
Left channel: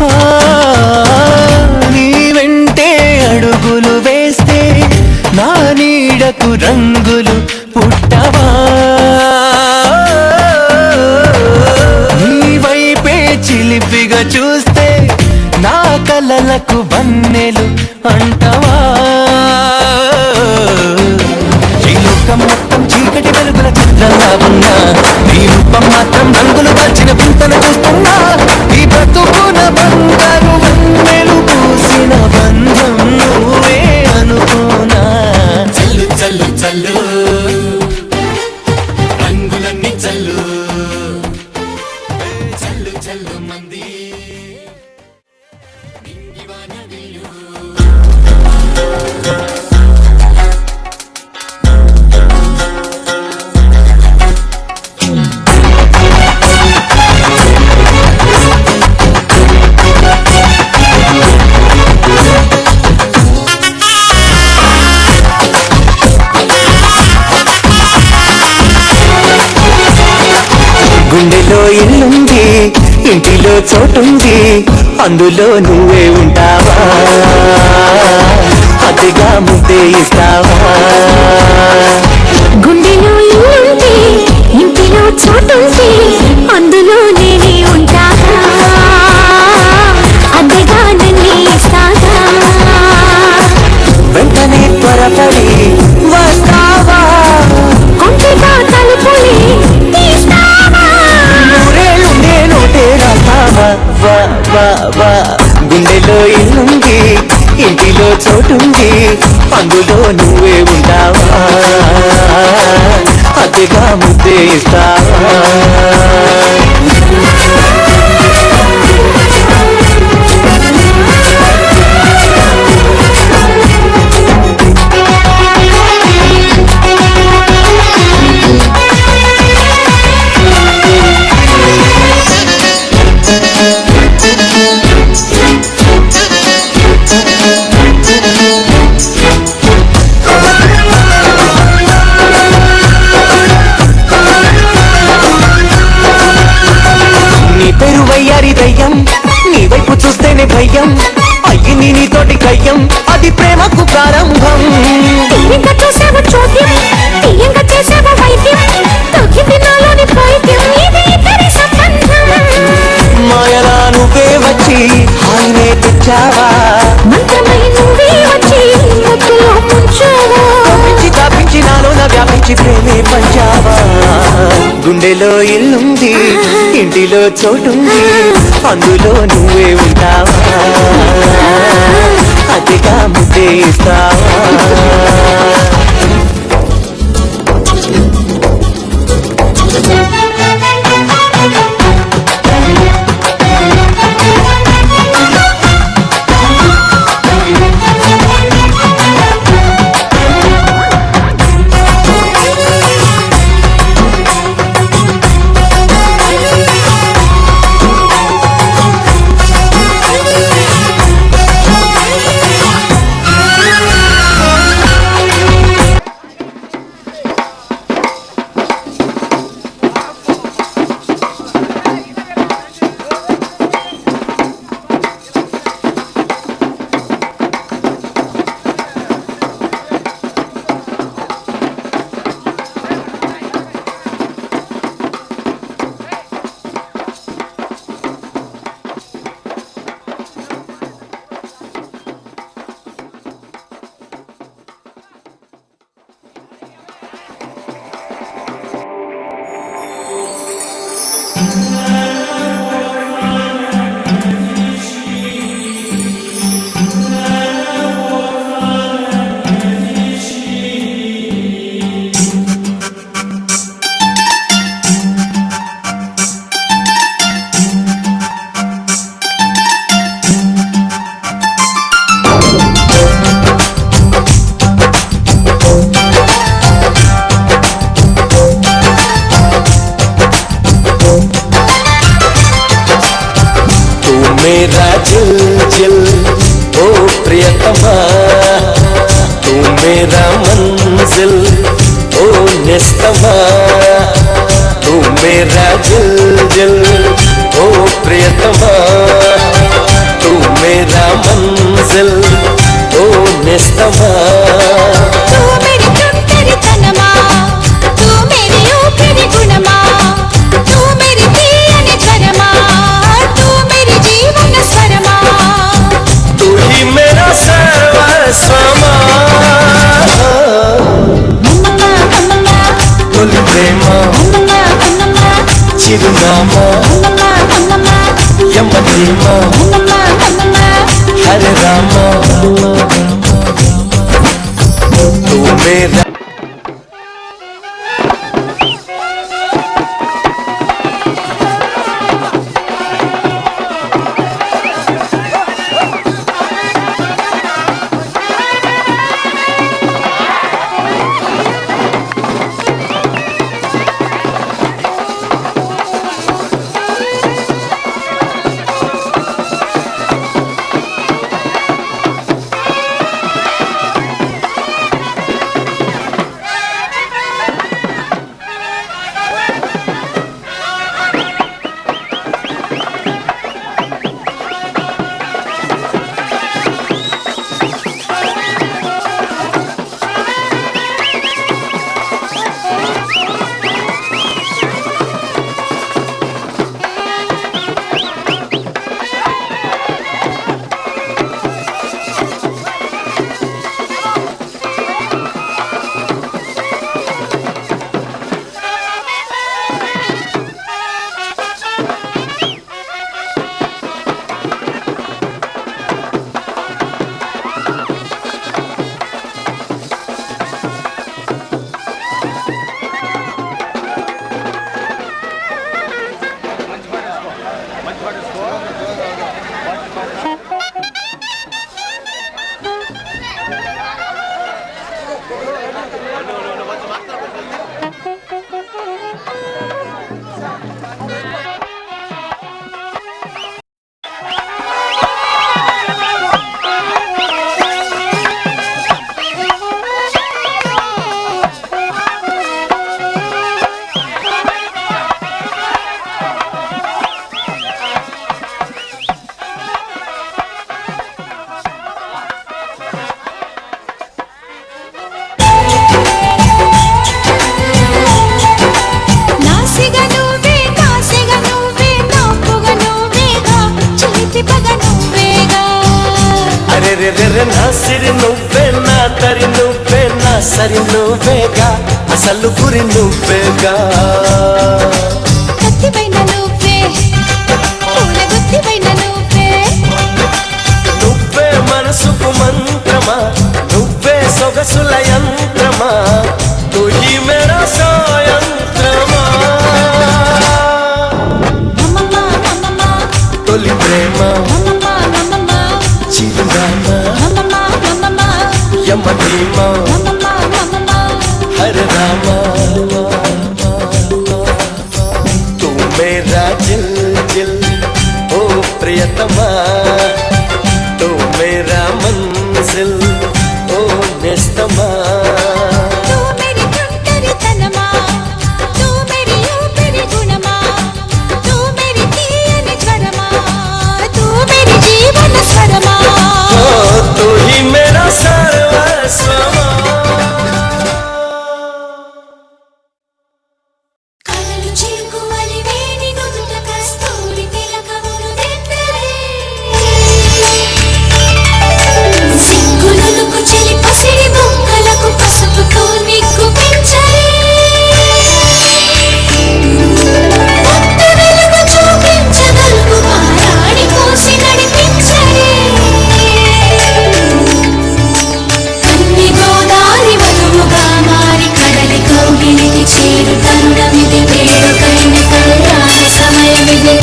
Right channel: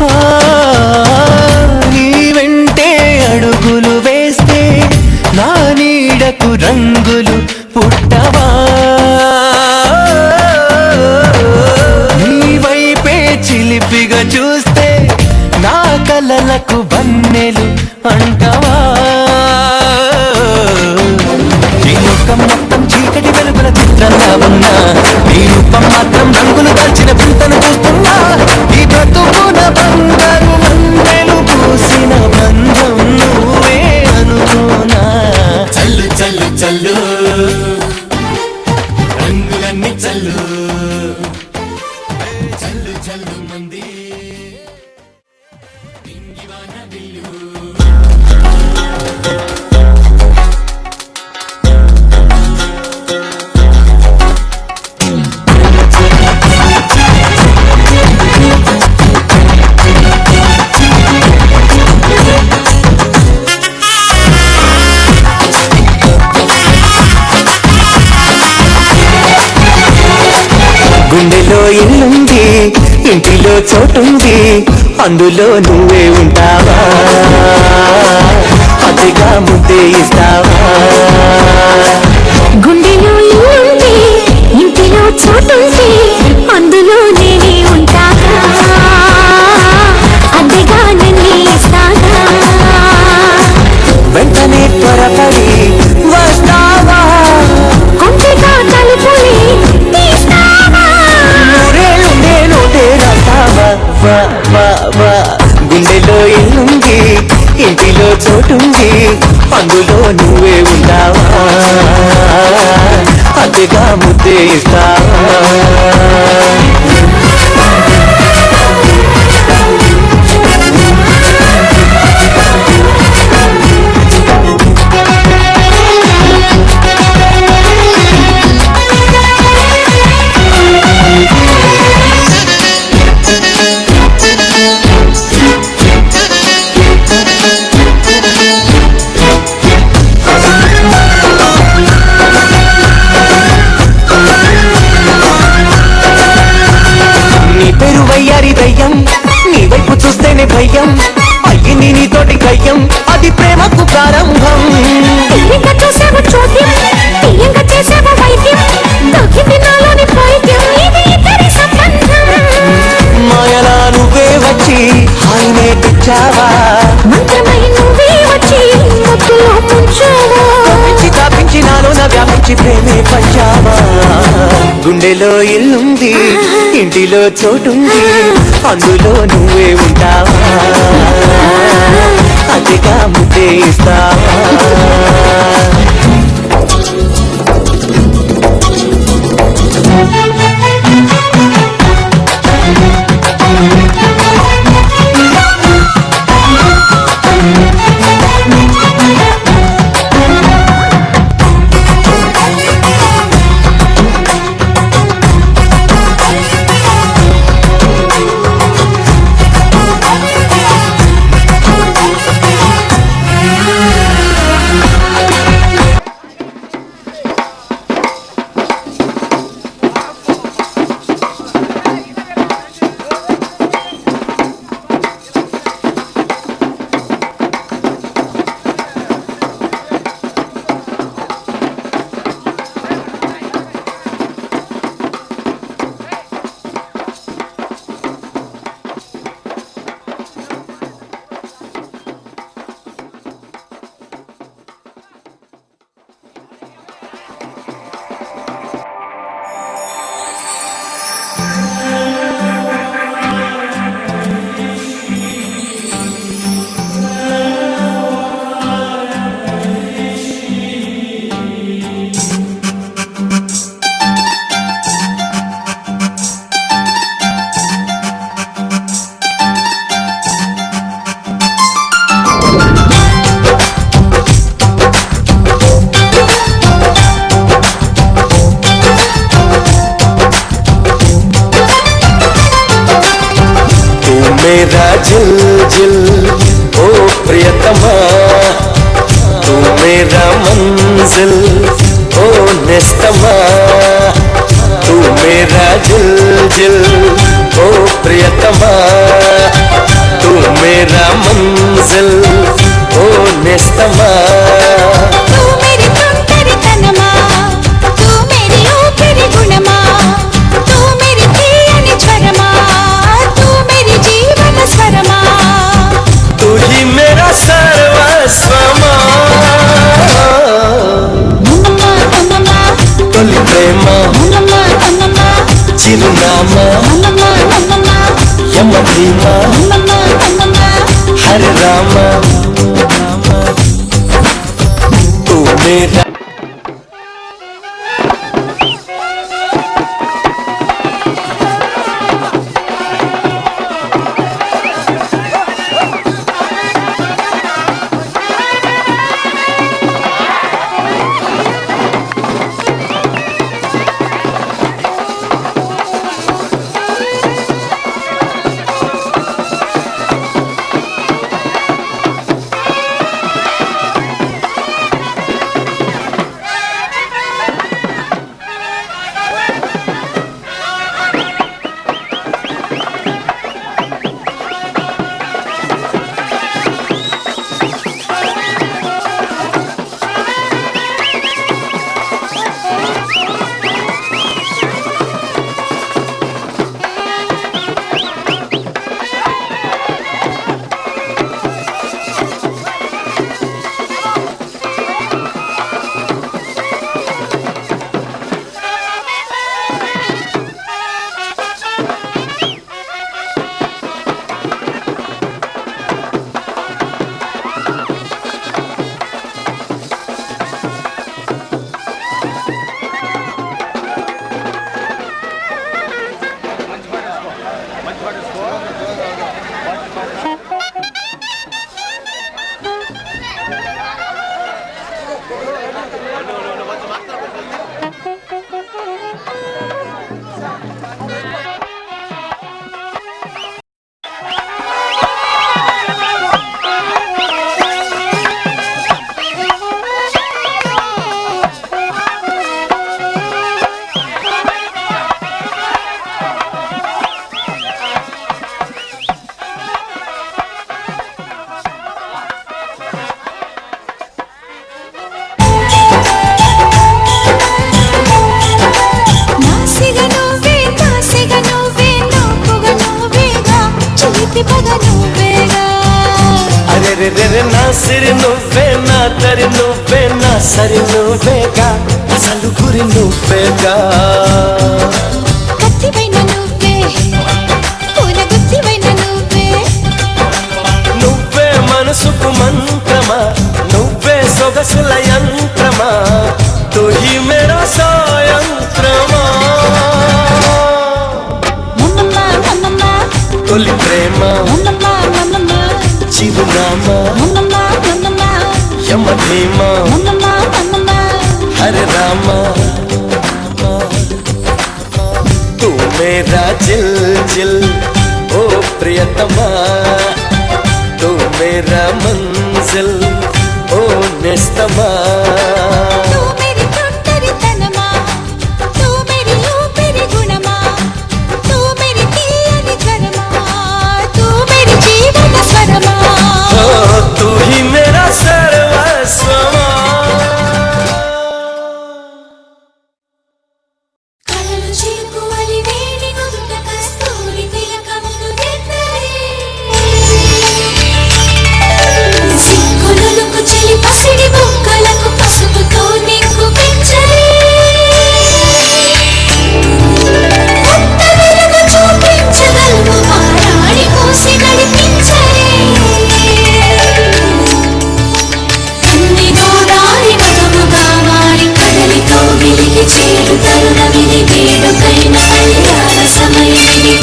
ఆ, నీ వెంటే అడుగులు వేస్తే నా నీడకు రంగులు పుట్టవా నీ వైపే చిలిపిగా చూస్తే నా కలలకు వన్నెలు అంటవా ఈ లోకం మొత్తం చీకటి వెలుగుల చిత్రంగా ఉన్నా నీ రూపం మాత్రం రంగులు దాల్చిన వింతను చూస్తున్నా ఈ బ్రతుకున బంగారు వన్నెలు పూసిన బంధం నువ్వే అనుకోనా చల్లు చల్లు చల్లు రంగులన్నీ చల్లు చల్లు చల్లు మంది ఇంగివాన విల్లు గుండెలో ఇల్లుంది ఇంటిలో చోటుంది అందులో నువ్వే ఉంటావా అతిగా ముద్దే ఇస్తావా గుండెలో ఇల్లుంటే ఇంటిలో చోటుంటే అందులో నేనే ఉంటాగా అద్దెగా నన్ను ఇస్తాగా వెంటనే త్వరపడి వస్తావా కొంచెగా తలుపులే తీస్తావా నూరేళ్ళు నేను తేరాస్తావా వా వా వా గుండెలో ఇల్లుంది ఇంటిలో చోటుంది అందులో నువ్వే ఉంటావా అతిగా ముద్దే ఇస్తావా దయ్యం అది ప్రేమకు ప్రారంభం తీయంగా చూసావు చోద్యం తీయంగా చేసావు వైద్యం తొక్కింది నాలోని పైద్యం ఇది ఇద్దరి సంబంధం మాయలా నువ్వే వచ్చి హాయినే తెచ్చావా మంత్రమై నువ్వే వచ్చి ముద్దులో ముంచావా తప్పించి తాపించి నాలోన వ్యాపించి ప్రేమే పంచావా గుండెలో ఇల్లుంది ఇంటిలో చోటుంది అందులో నువ్వే ఉంటావా అతిగా ముద్దే ఇస్తావా मेरा जिल जिल ओ प्रियतमा तू मेरा मंजिल ओ निस्तमा तू मेरा जिल जिल ओ प्रियतमा तू मेरा मंजिल ओ निस्तमा तू मेरी चुंबरी तनमा तू मेरी ऊपरी गुणमा तू मेरी తీయని జ్వరమా तू मेरी जीवन स्वरमा तू ही मेरा सर्वस्वमा అమ్మమ్మ అమ్మమ్మ తొలి ప్రేమ అమ్మమ్మ అమ్మమ్మ చిరునామా అమ్మమ్మ అమ్మమ్మ యమధీమా అమ్మమ్మ అమ్మమ్మ हरे रामा तू मेरा తరి నువ్వే నా సరి నువ్వేగా అసలు గురి నువ్వేగా కత్తిపైన నువ్వే పూల గుత్తిపైన నువ్వే నువ్వే మనసుకు మంత్రమా నువ్వే సొగసుల యంత్రమా తుహి మేరా సాయంత్రమా అమ్మమ్మ అమ్మమ్మ తొలి ప్రేమ అమ్మమ్మ అమ్మమ్మ చిరునామా అమ్మమ్మ అమ్మమ్మ యమధీమా అమ్మమ్మ అమ్మమ్మ హరే రామా तू मेरा जिल जिल ओ प्रियतमा तू मेरा मंजिल ओ निस्तमा तू मेरी तोttari तनमा तू मेरी ऊपरी गुणमा तू मेरी तीयनि ज्वरमा तू मेरी जीवन स्वरमा ओ तू ही मेरा सर्वस्वमा కలలు చిలుకువలి వేణి నుదుట కస్తూరి తిలకమును దిద్దరే సిగ్గులకు చెలి పసిడి బొక్కలకు పసుపుతో నిగ్గు పెంచరే కొత్త వెలుగు చూపించగలవు మారాడి పోసి నడిపించరే కన్ని గోదారి వధముగా మారి కడలి కౌగిలికి చేరు తరుణమిది వేడుకైన కళ్యాణ సమయమిది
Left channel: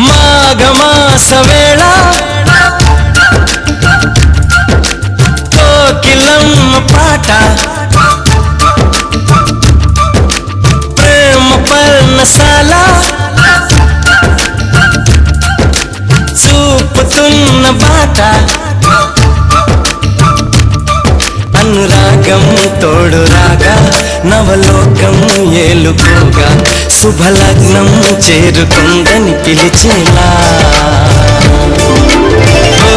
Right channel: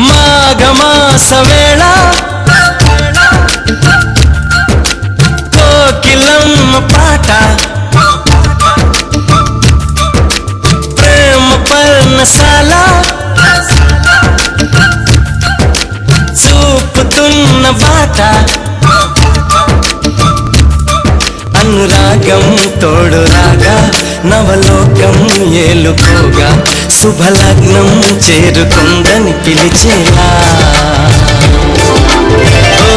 మాఘమాస వేళ కోకిలమ్మ పాట ప్రేమ పర్ణశాల చూపుతున్న బాట అనురాగం తోడు రాగా నవలోకం ఏలుకోగా శుభలగ్నం చేరుకుందని పిలిచేలా ఓ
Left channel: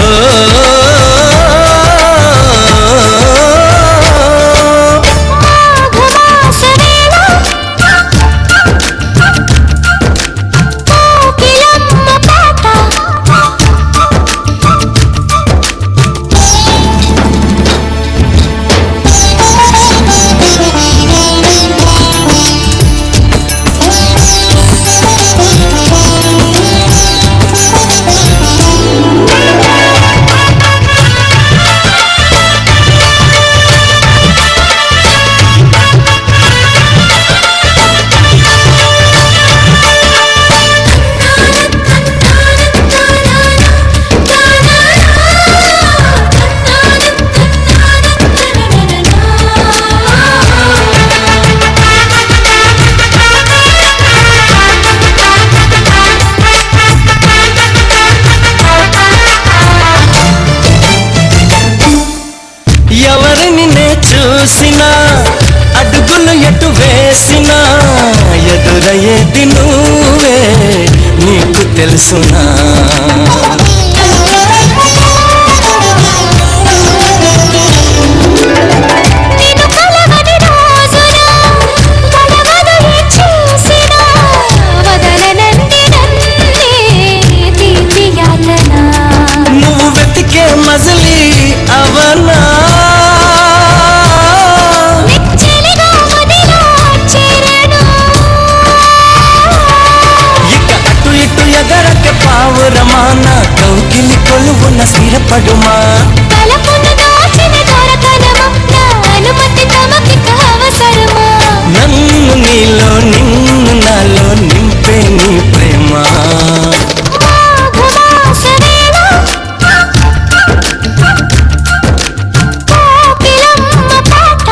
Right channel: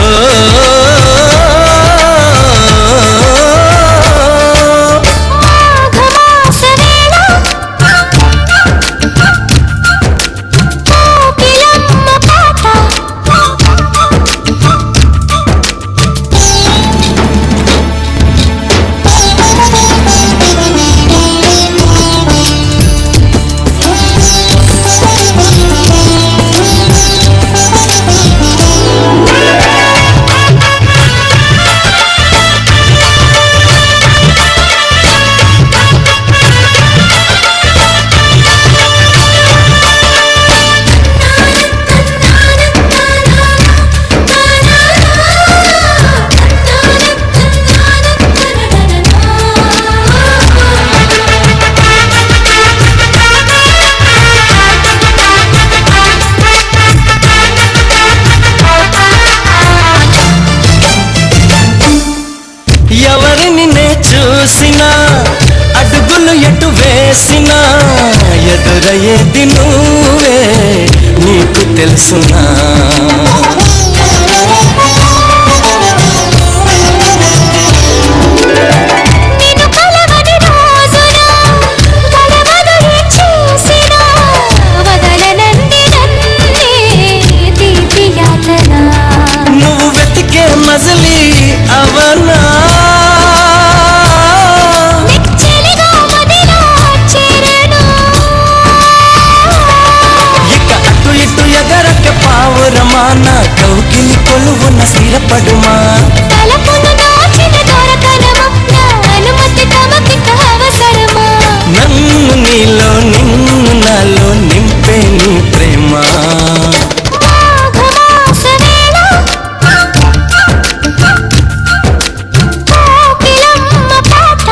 ఓ, మాఘమాస వేళ కోకిలమ్మ పాట ఎవరిని నే చూసినా అడుగులు ఎటు వేసినా ఎదురయ్యేది నువ్వే నీకు తెలుసునా నిన్ను కలవని రోజున గడవదు ఏ చూసినా వదలనంది నన్నే తీపి యాతన నువ్వు వెతికే మజిలీ అవనా నిశ్చలిగా మదిలో చేరను ఇక అటు ఇటు ఎగరక పావురమాన కౌగిలి కొలువున స్థిరపడుమా తలపును దాచిన దొరతనమా నా అనుమతి తమకిక అవసరమా నన్ను నీలో నిన్ను నాలో నింపే నీ ప్రేమ మాఘమాస వేళ కోకిలమ్మ పాట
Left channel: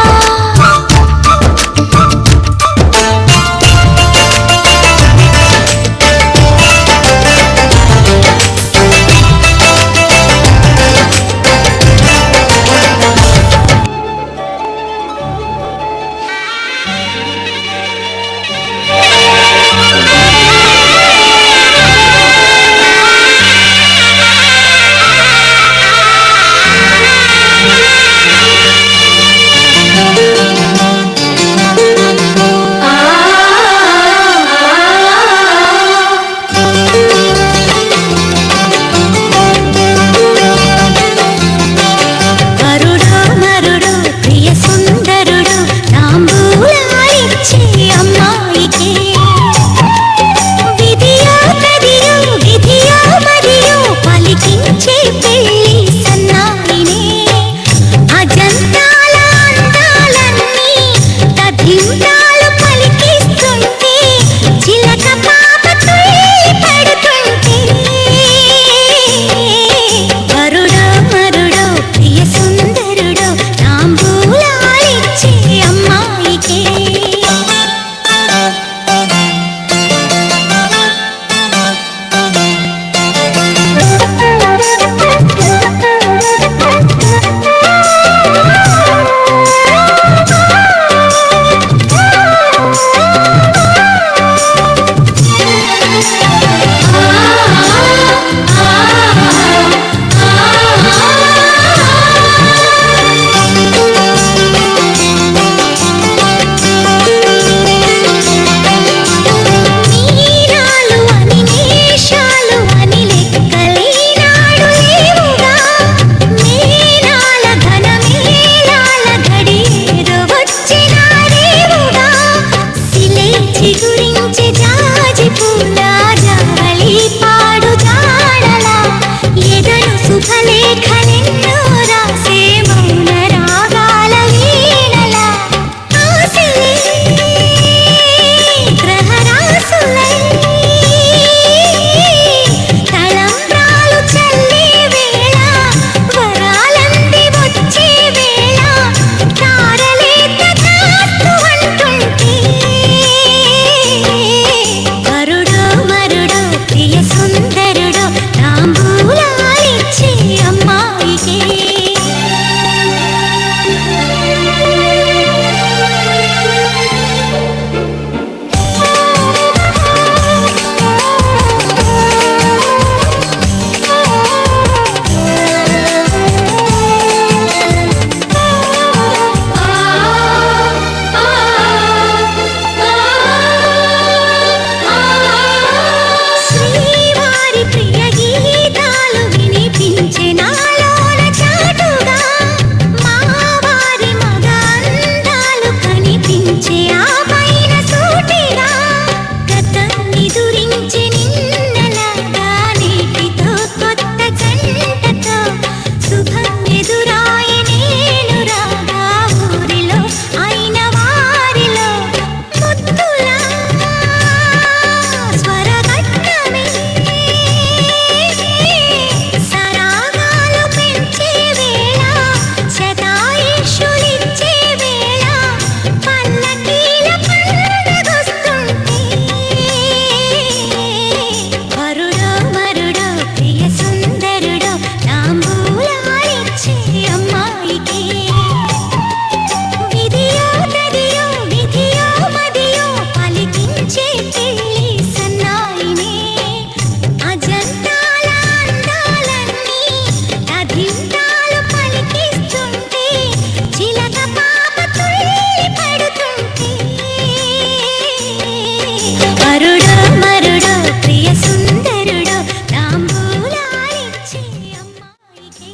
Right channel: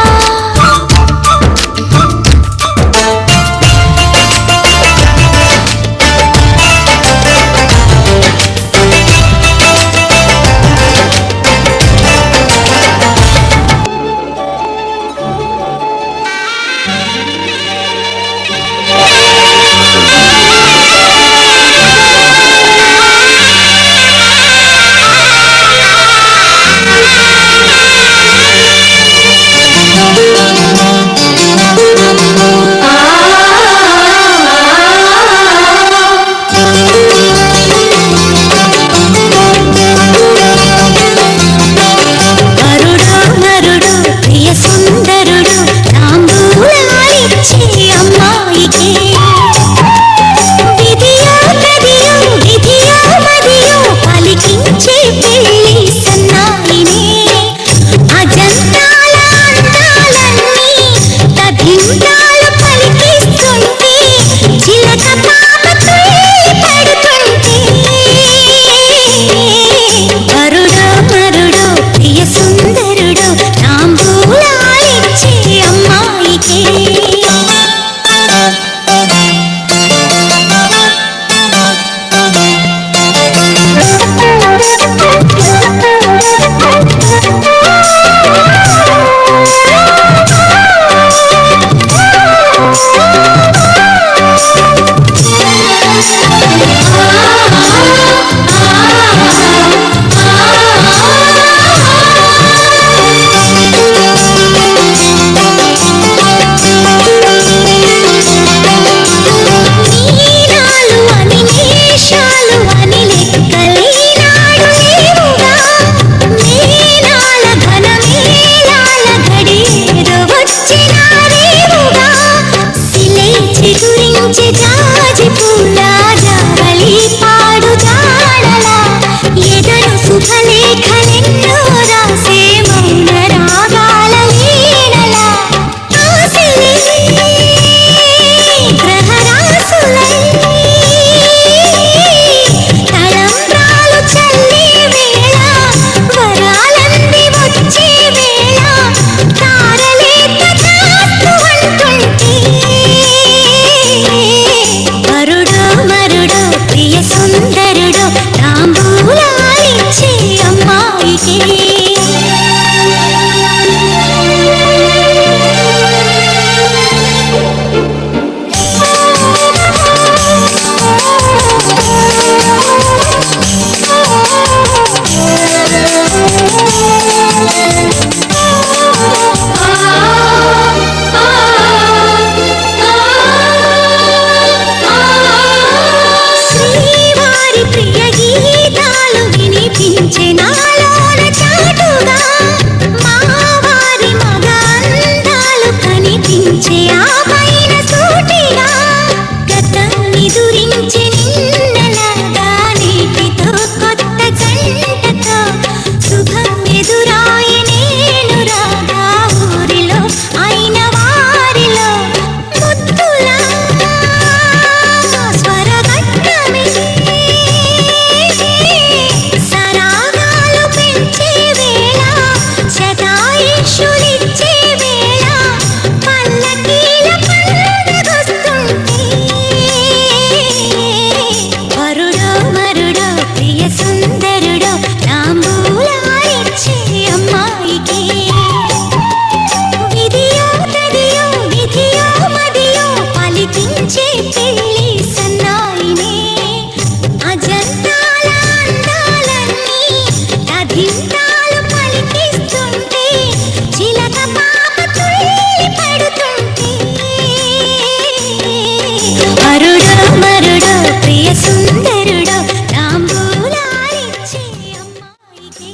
కనిపించే ఆ పైన సూటిగా గతాన్ని దురించే నిన్నలాగా నీటితో కొత్త గంటతో శుభం ఎదురాయ నేను రాగా ఊరిలో అయిన వారిలో ముద్దులా స్వరగట్టమే సరాగాలు పెంచే వేళ శతాయుషులిచ్చే వేళ పల్లకీల పండగొస్తుంటే వరుడో మరుడో ప్రియ సుందరుడో తాంబూలాలిచ్చే అమ్మాయికి విధియో తదియో విధియో మదియో పలికించే పెళ్లి సన్నాయినే అజంతాల అందాలన్నీ తదింతాలు పలికిస్తుంటే చిలక పాప తుళ్ళి పడుతుంటే వరుడో మరుడో ప్రియ సుందరుడో తాంబూలాలిచ్చే అమ్మాయికి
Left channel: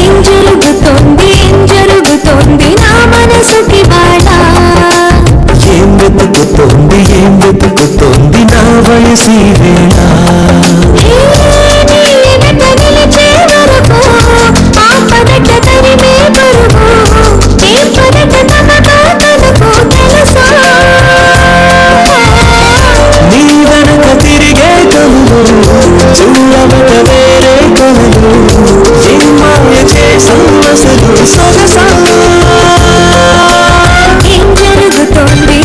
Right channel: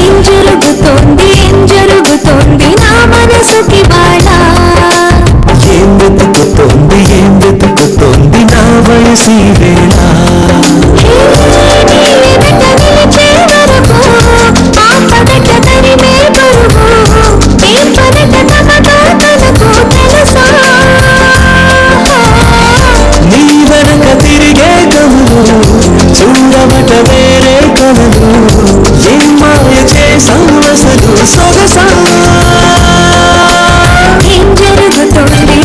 ఏం జరుగుతోంది నా మనసుకి బాళ ఏం వెతుకుతోంది నా వయసి వేళ నీ ఎదుట నిలిచే వరకు ఆ పదట తరిమే బరువు ఏం పదట తనతో తనకు తెలుసా నీ వెనక తిరిగే కనులు చూడవట వేరే కలలు ఏం మాయ చేసావు అసలు సొగసా ఏం జరుగుతోంది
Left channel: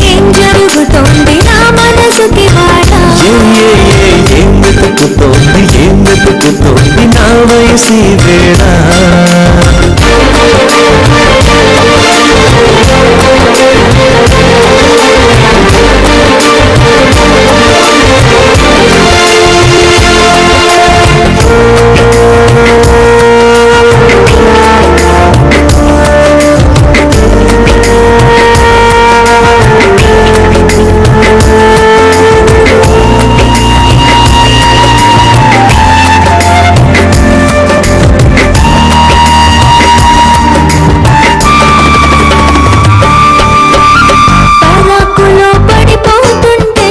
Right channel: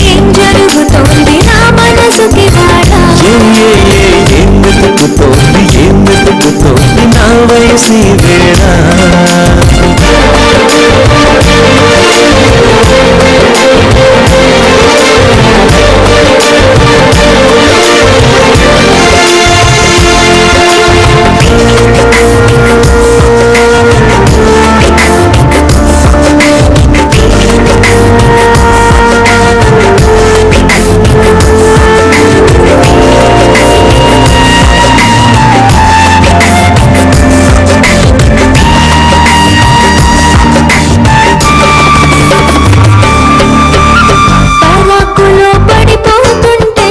నా మనసుకి బాళ ఏం వెతుకుతోంది నా వయసి వేళ పరాకులో పడిపోతుంటే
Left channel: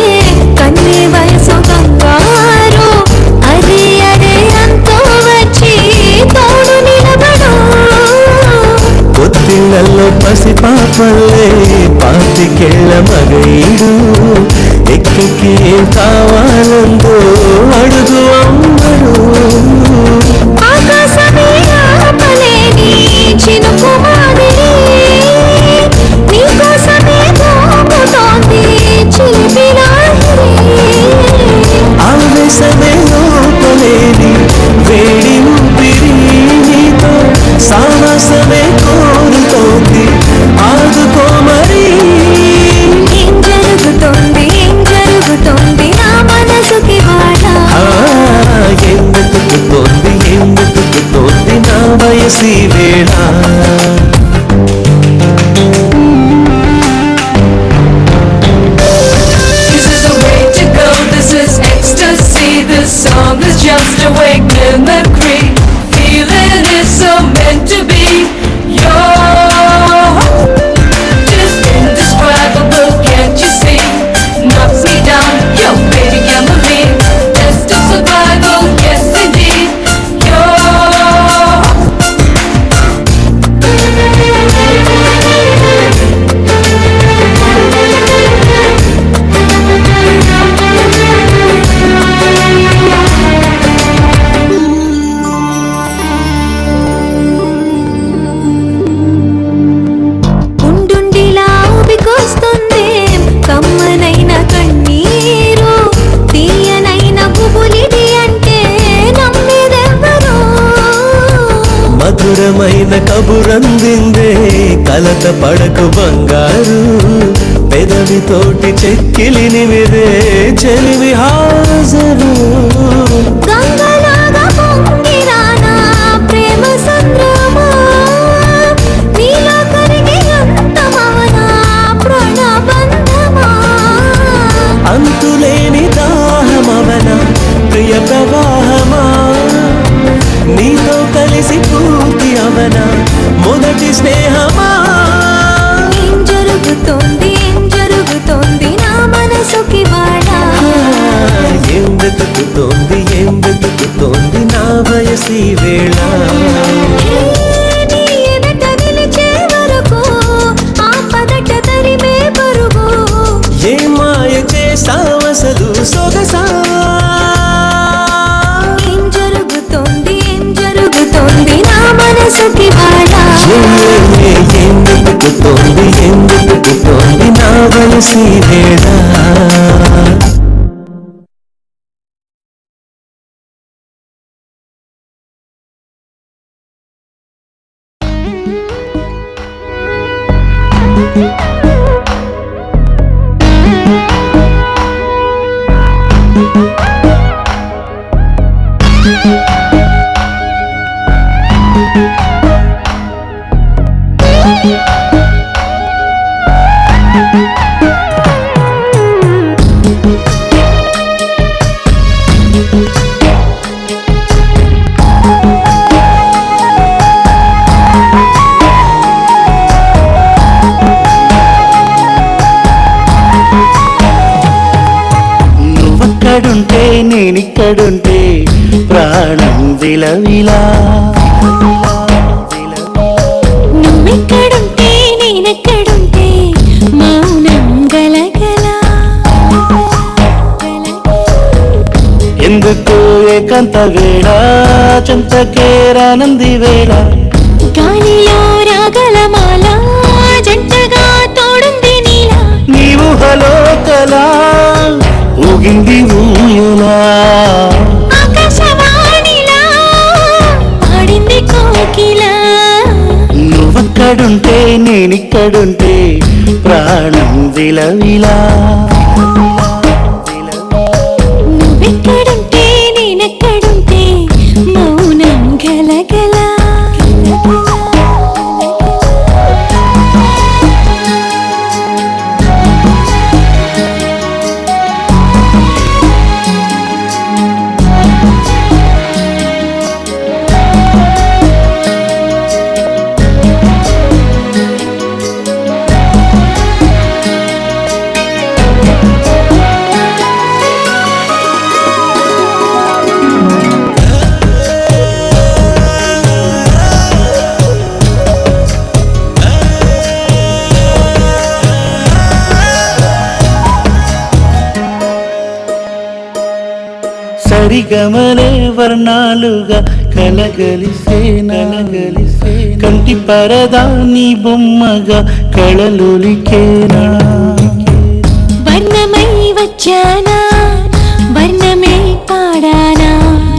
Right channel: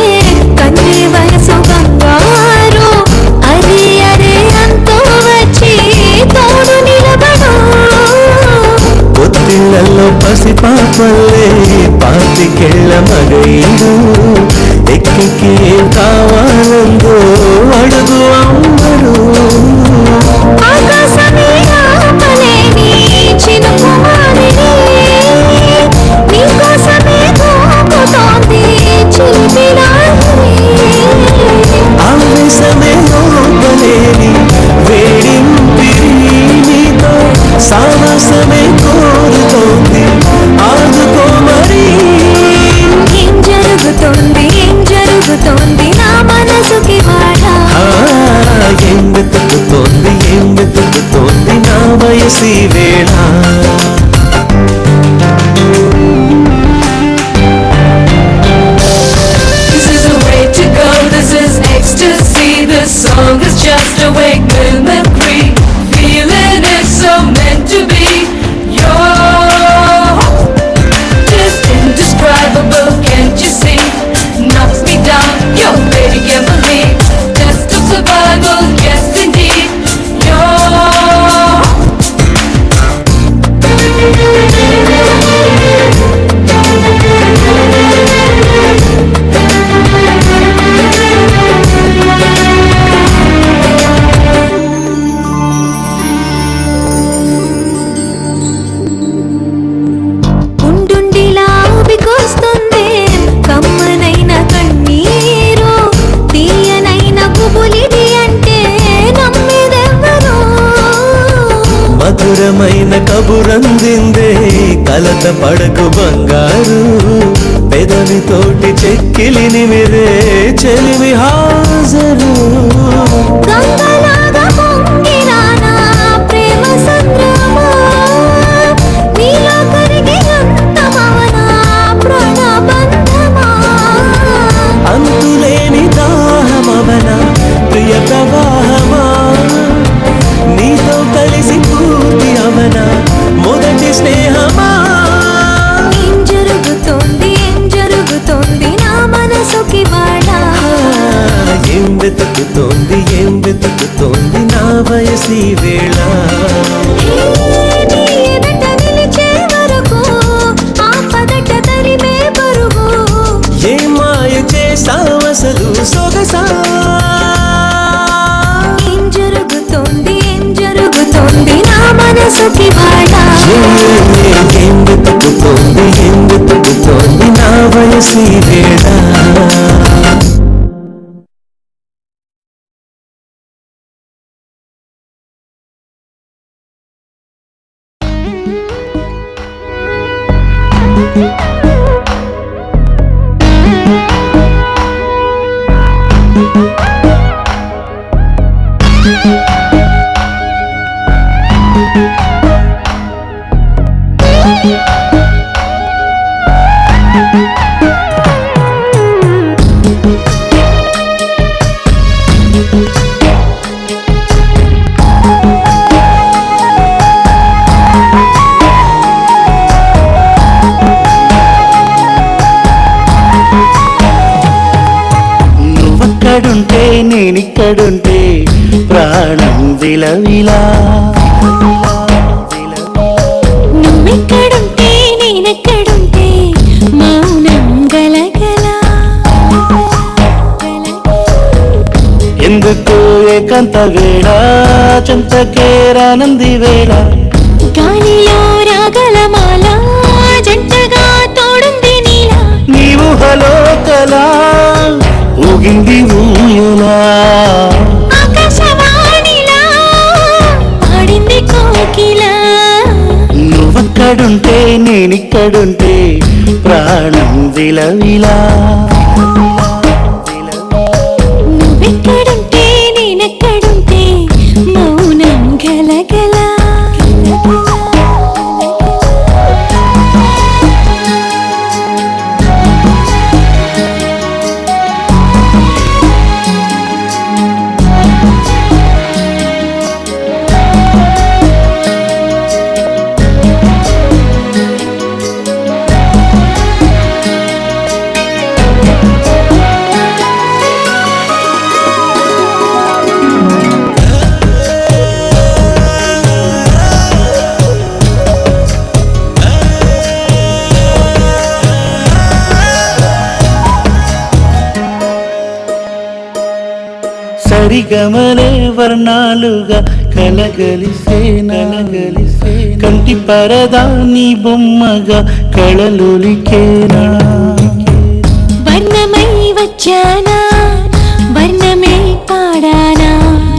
కన్నే వయసు బంగారు అరే అరే అంతో వచ్చి తోడు నిలబడు పొత్తిళ్లలో పసిపాపల్లే పాతికెళ్ళ మగైడు ఎక్కికి ఏం కావాలందో అడుగు అమ్మడు ఆకాశమే ఆపలేని చినుకు మాదిరి నీకోసమే దూకుతోంది చిలిపి లాహిరి ఆవేశమే లోపలేని వేడింపిరి నీతో సావాసమే కోరుతోంది ఆదుకో మరి ఏం జరుగుతోంది నా మనసుకి బాళ ఏం వెతుకుతోంది నా వయసి వేళ This is the way to go, this is ecstasy. This song is just a wake mimicry. Feeling is so meant to be. You're just indescribable, can't you see? Knocks me down, you're fading memory. Test of survival, yes indeed. You're ప్రియమైన కబురందిందే కలత పడకు బంగారు పెదవితోటి చెక్కిలి నిమిరే చెలివి హాజరు గంగలాగా పొంగిరానా ప్రేమ సంద్రమా నీలో కరిగి అంతమవనా ప్రాణబంధమా అంతులేని దాహమవన ప్రియ ప్రవాహమా నీతో కలిసి పూర్తి అవన మొదటి స్నేహమా ఏం జరుగుతోంది నా మనసుకి వాడ ఏం వెతుకుతోంది నా వయసి వేళ నీ ఎదట నిలిచే వరకు ఆ పదట తరిమే పరుగు ఏ మాయ చేసావసలు సొగసా ఏం జరుగుతోంది నా మనసుకి వాడ ఏం వెతుకుతోంది నా వయసి వేళ నువ్వక్కడుంటే నేనిక్కడుంటే ప్రాణం విలవిలా నువ్వెక్కడుంటే నేనెక్కడుంటే మౌనం గలగల ఎందుకు ఏకాంత వేళ చెంతకేరానంది వేళ గాలిలో రాగల మాల జంటగా తోడుంది నీలా నీవు హలో కలా ఊగింది ఊయలా ఆకాశవాణిలా పాడింది కోకిల నువ్వక్కడుంటే నేనిక్కడుంటే ప్రాణం విలవిలా నువ్వెక్కడుంటే నేనెక్కడుంటే మౌనం గలగల సరిగమలే వర్ణాలుగా కలగలిసే కంటి పరదా నీ బొమ్మగా కళలులికేనా వర్ణమై వచ్చానా వర్ణమే పాడానా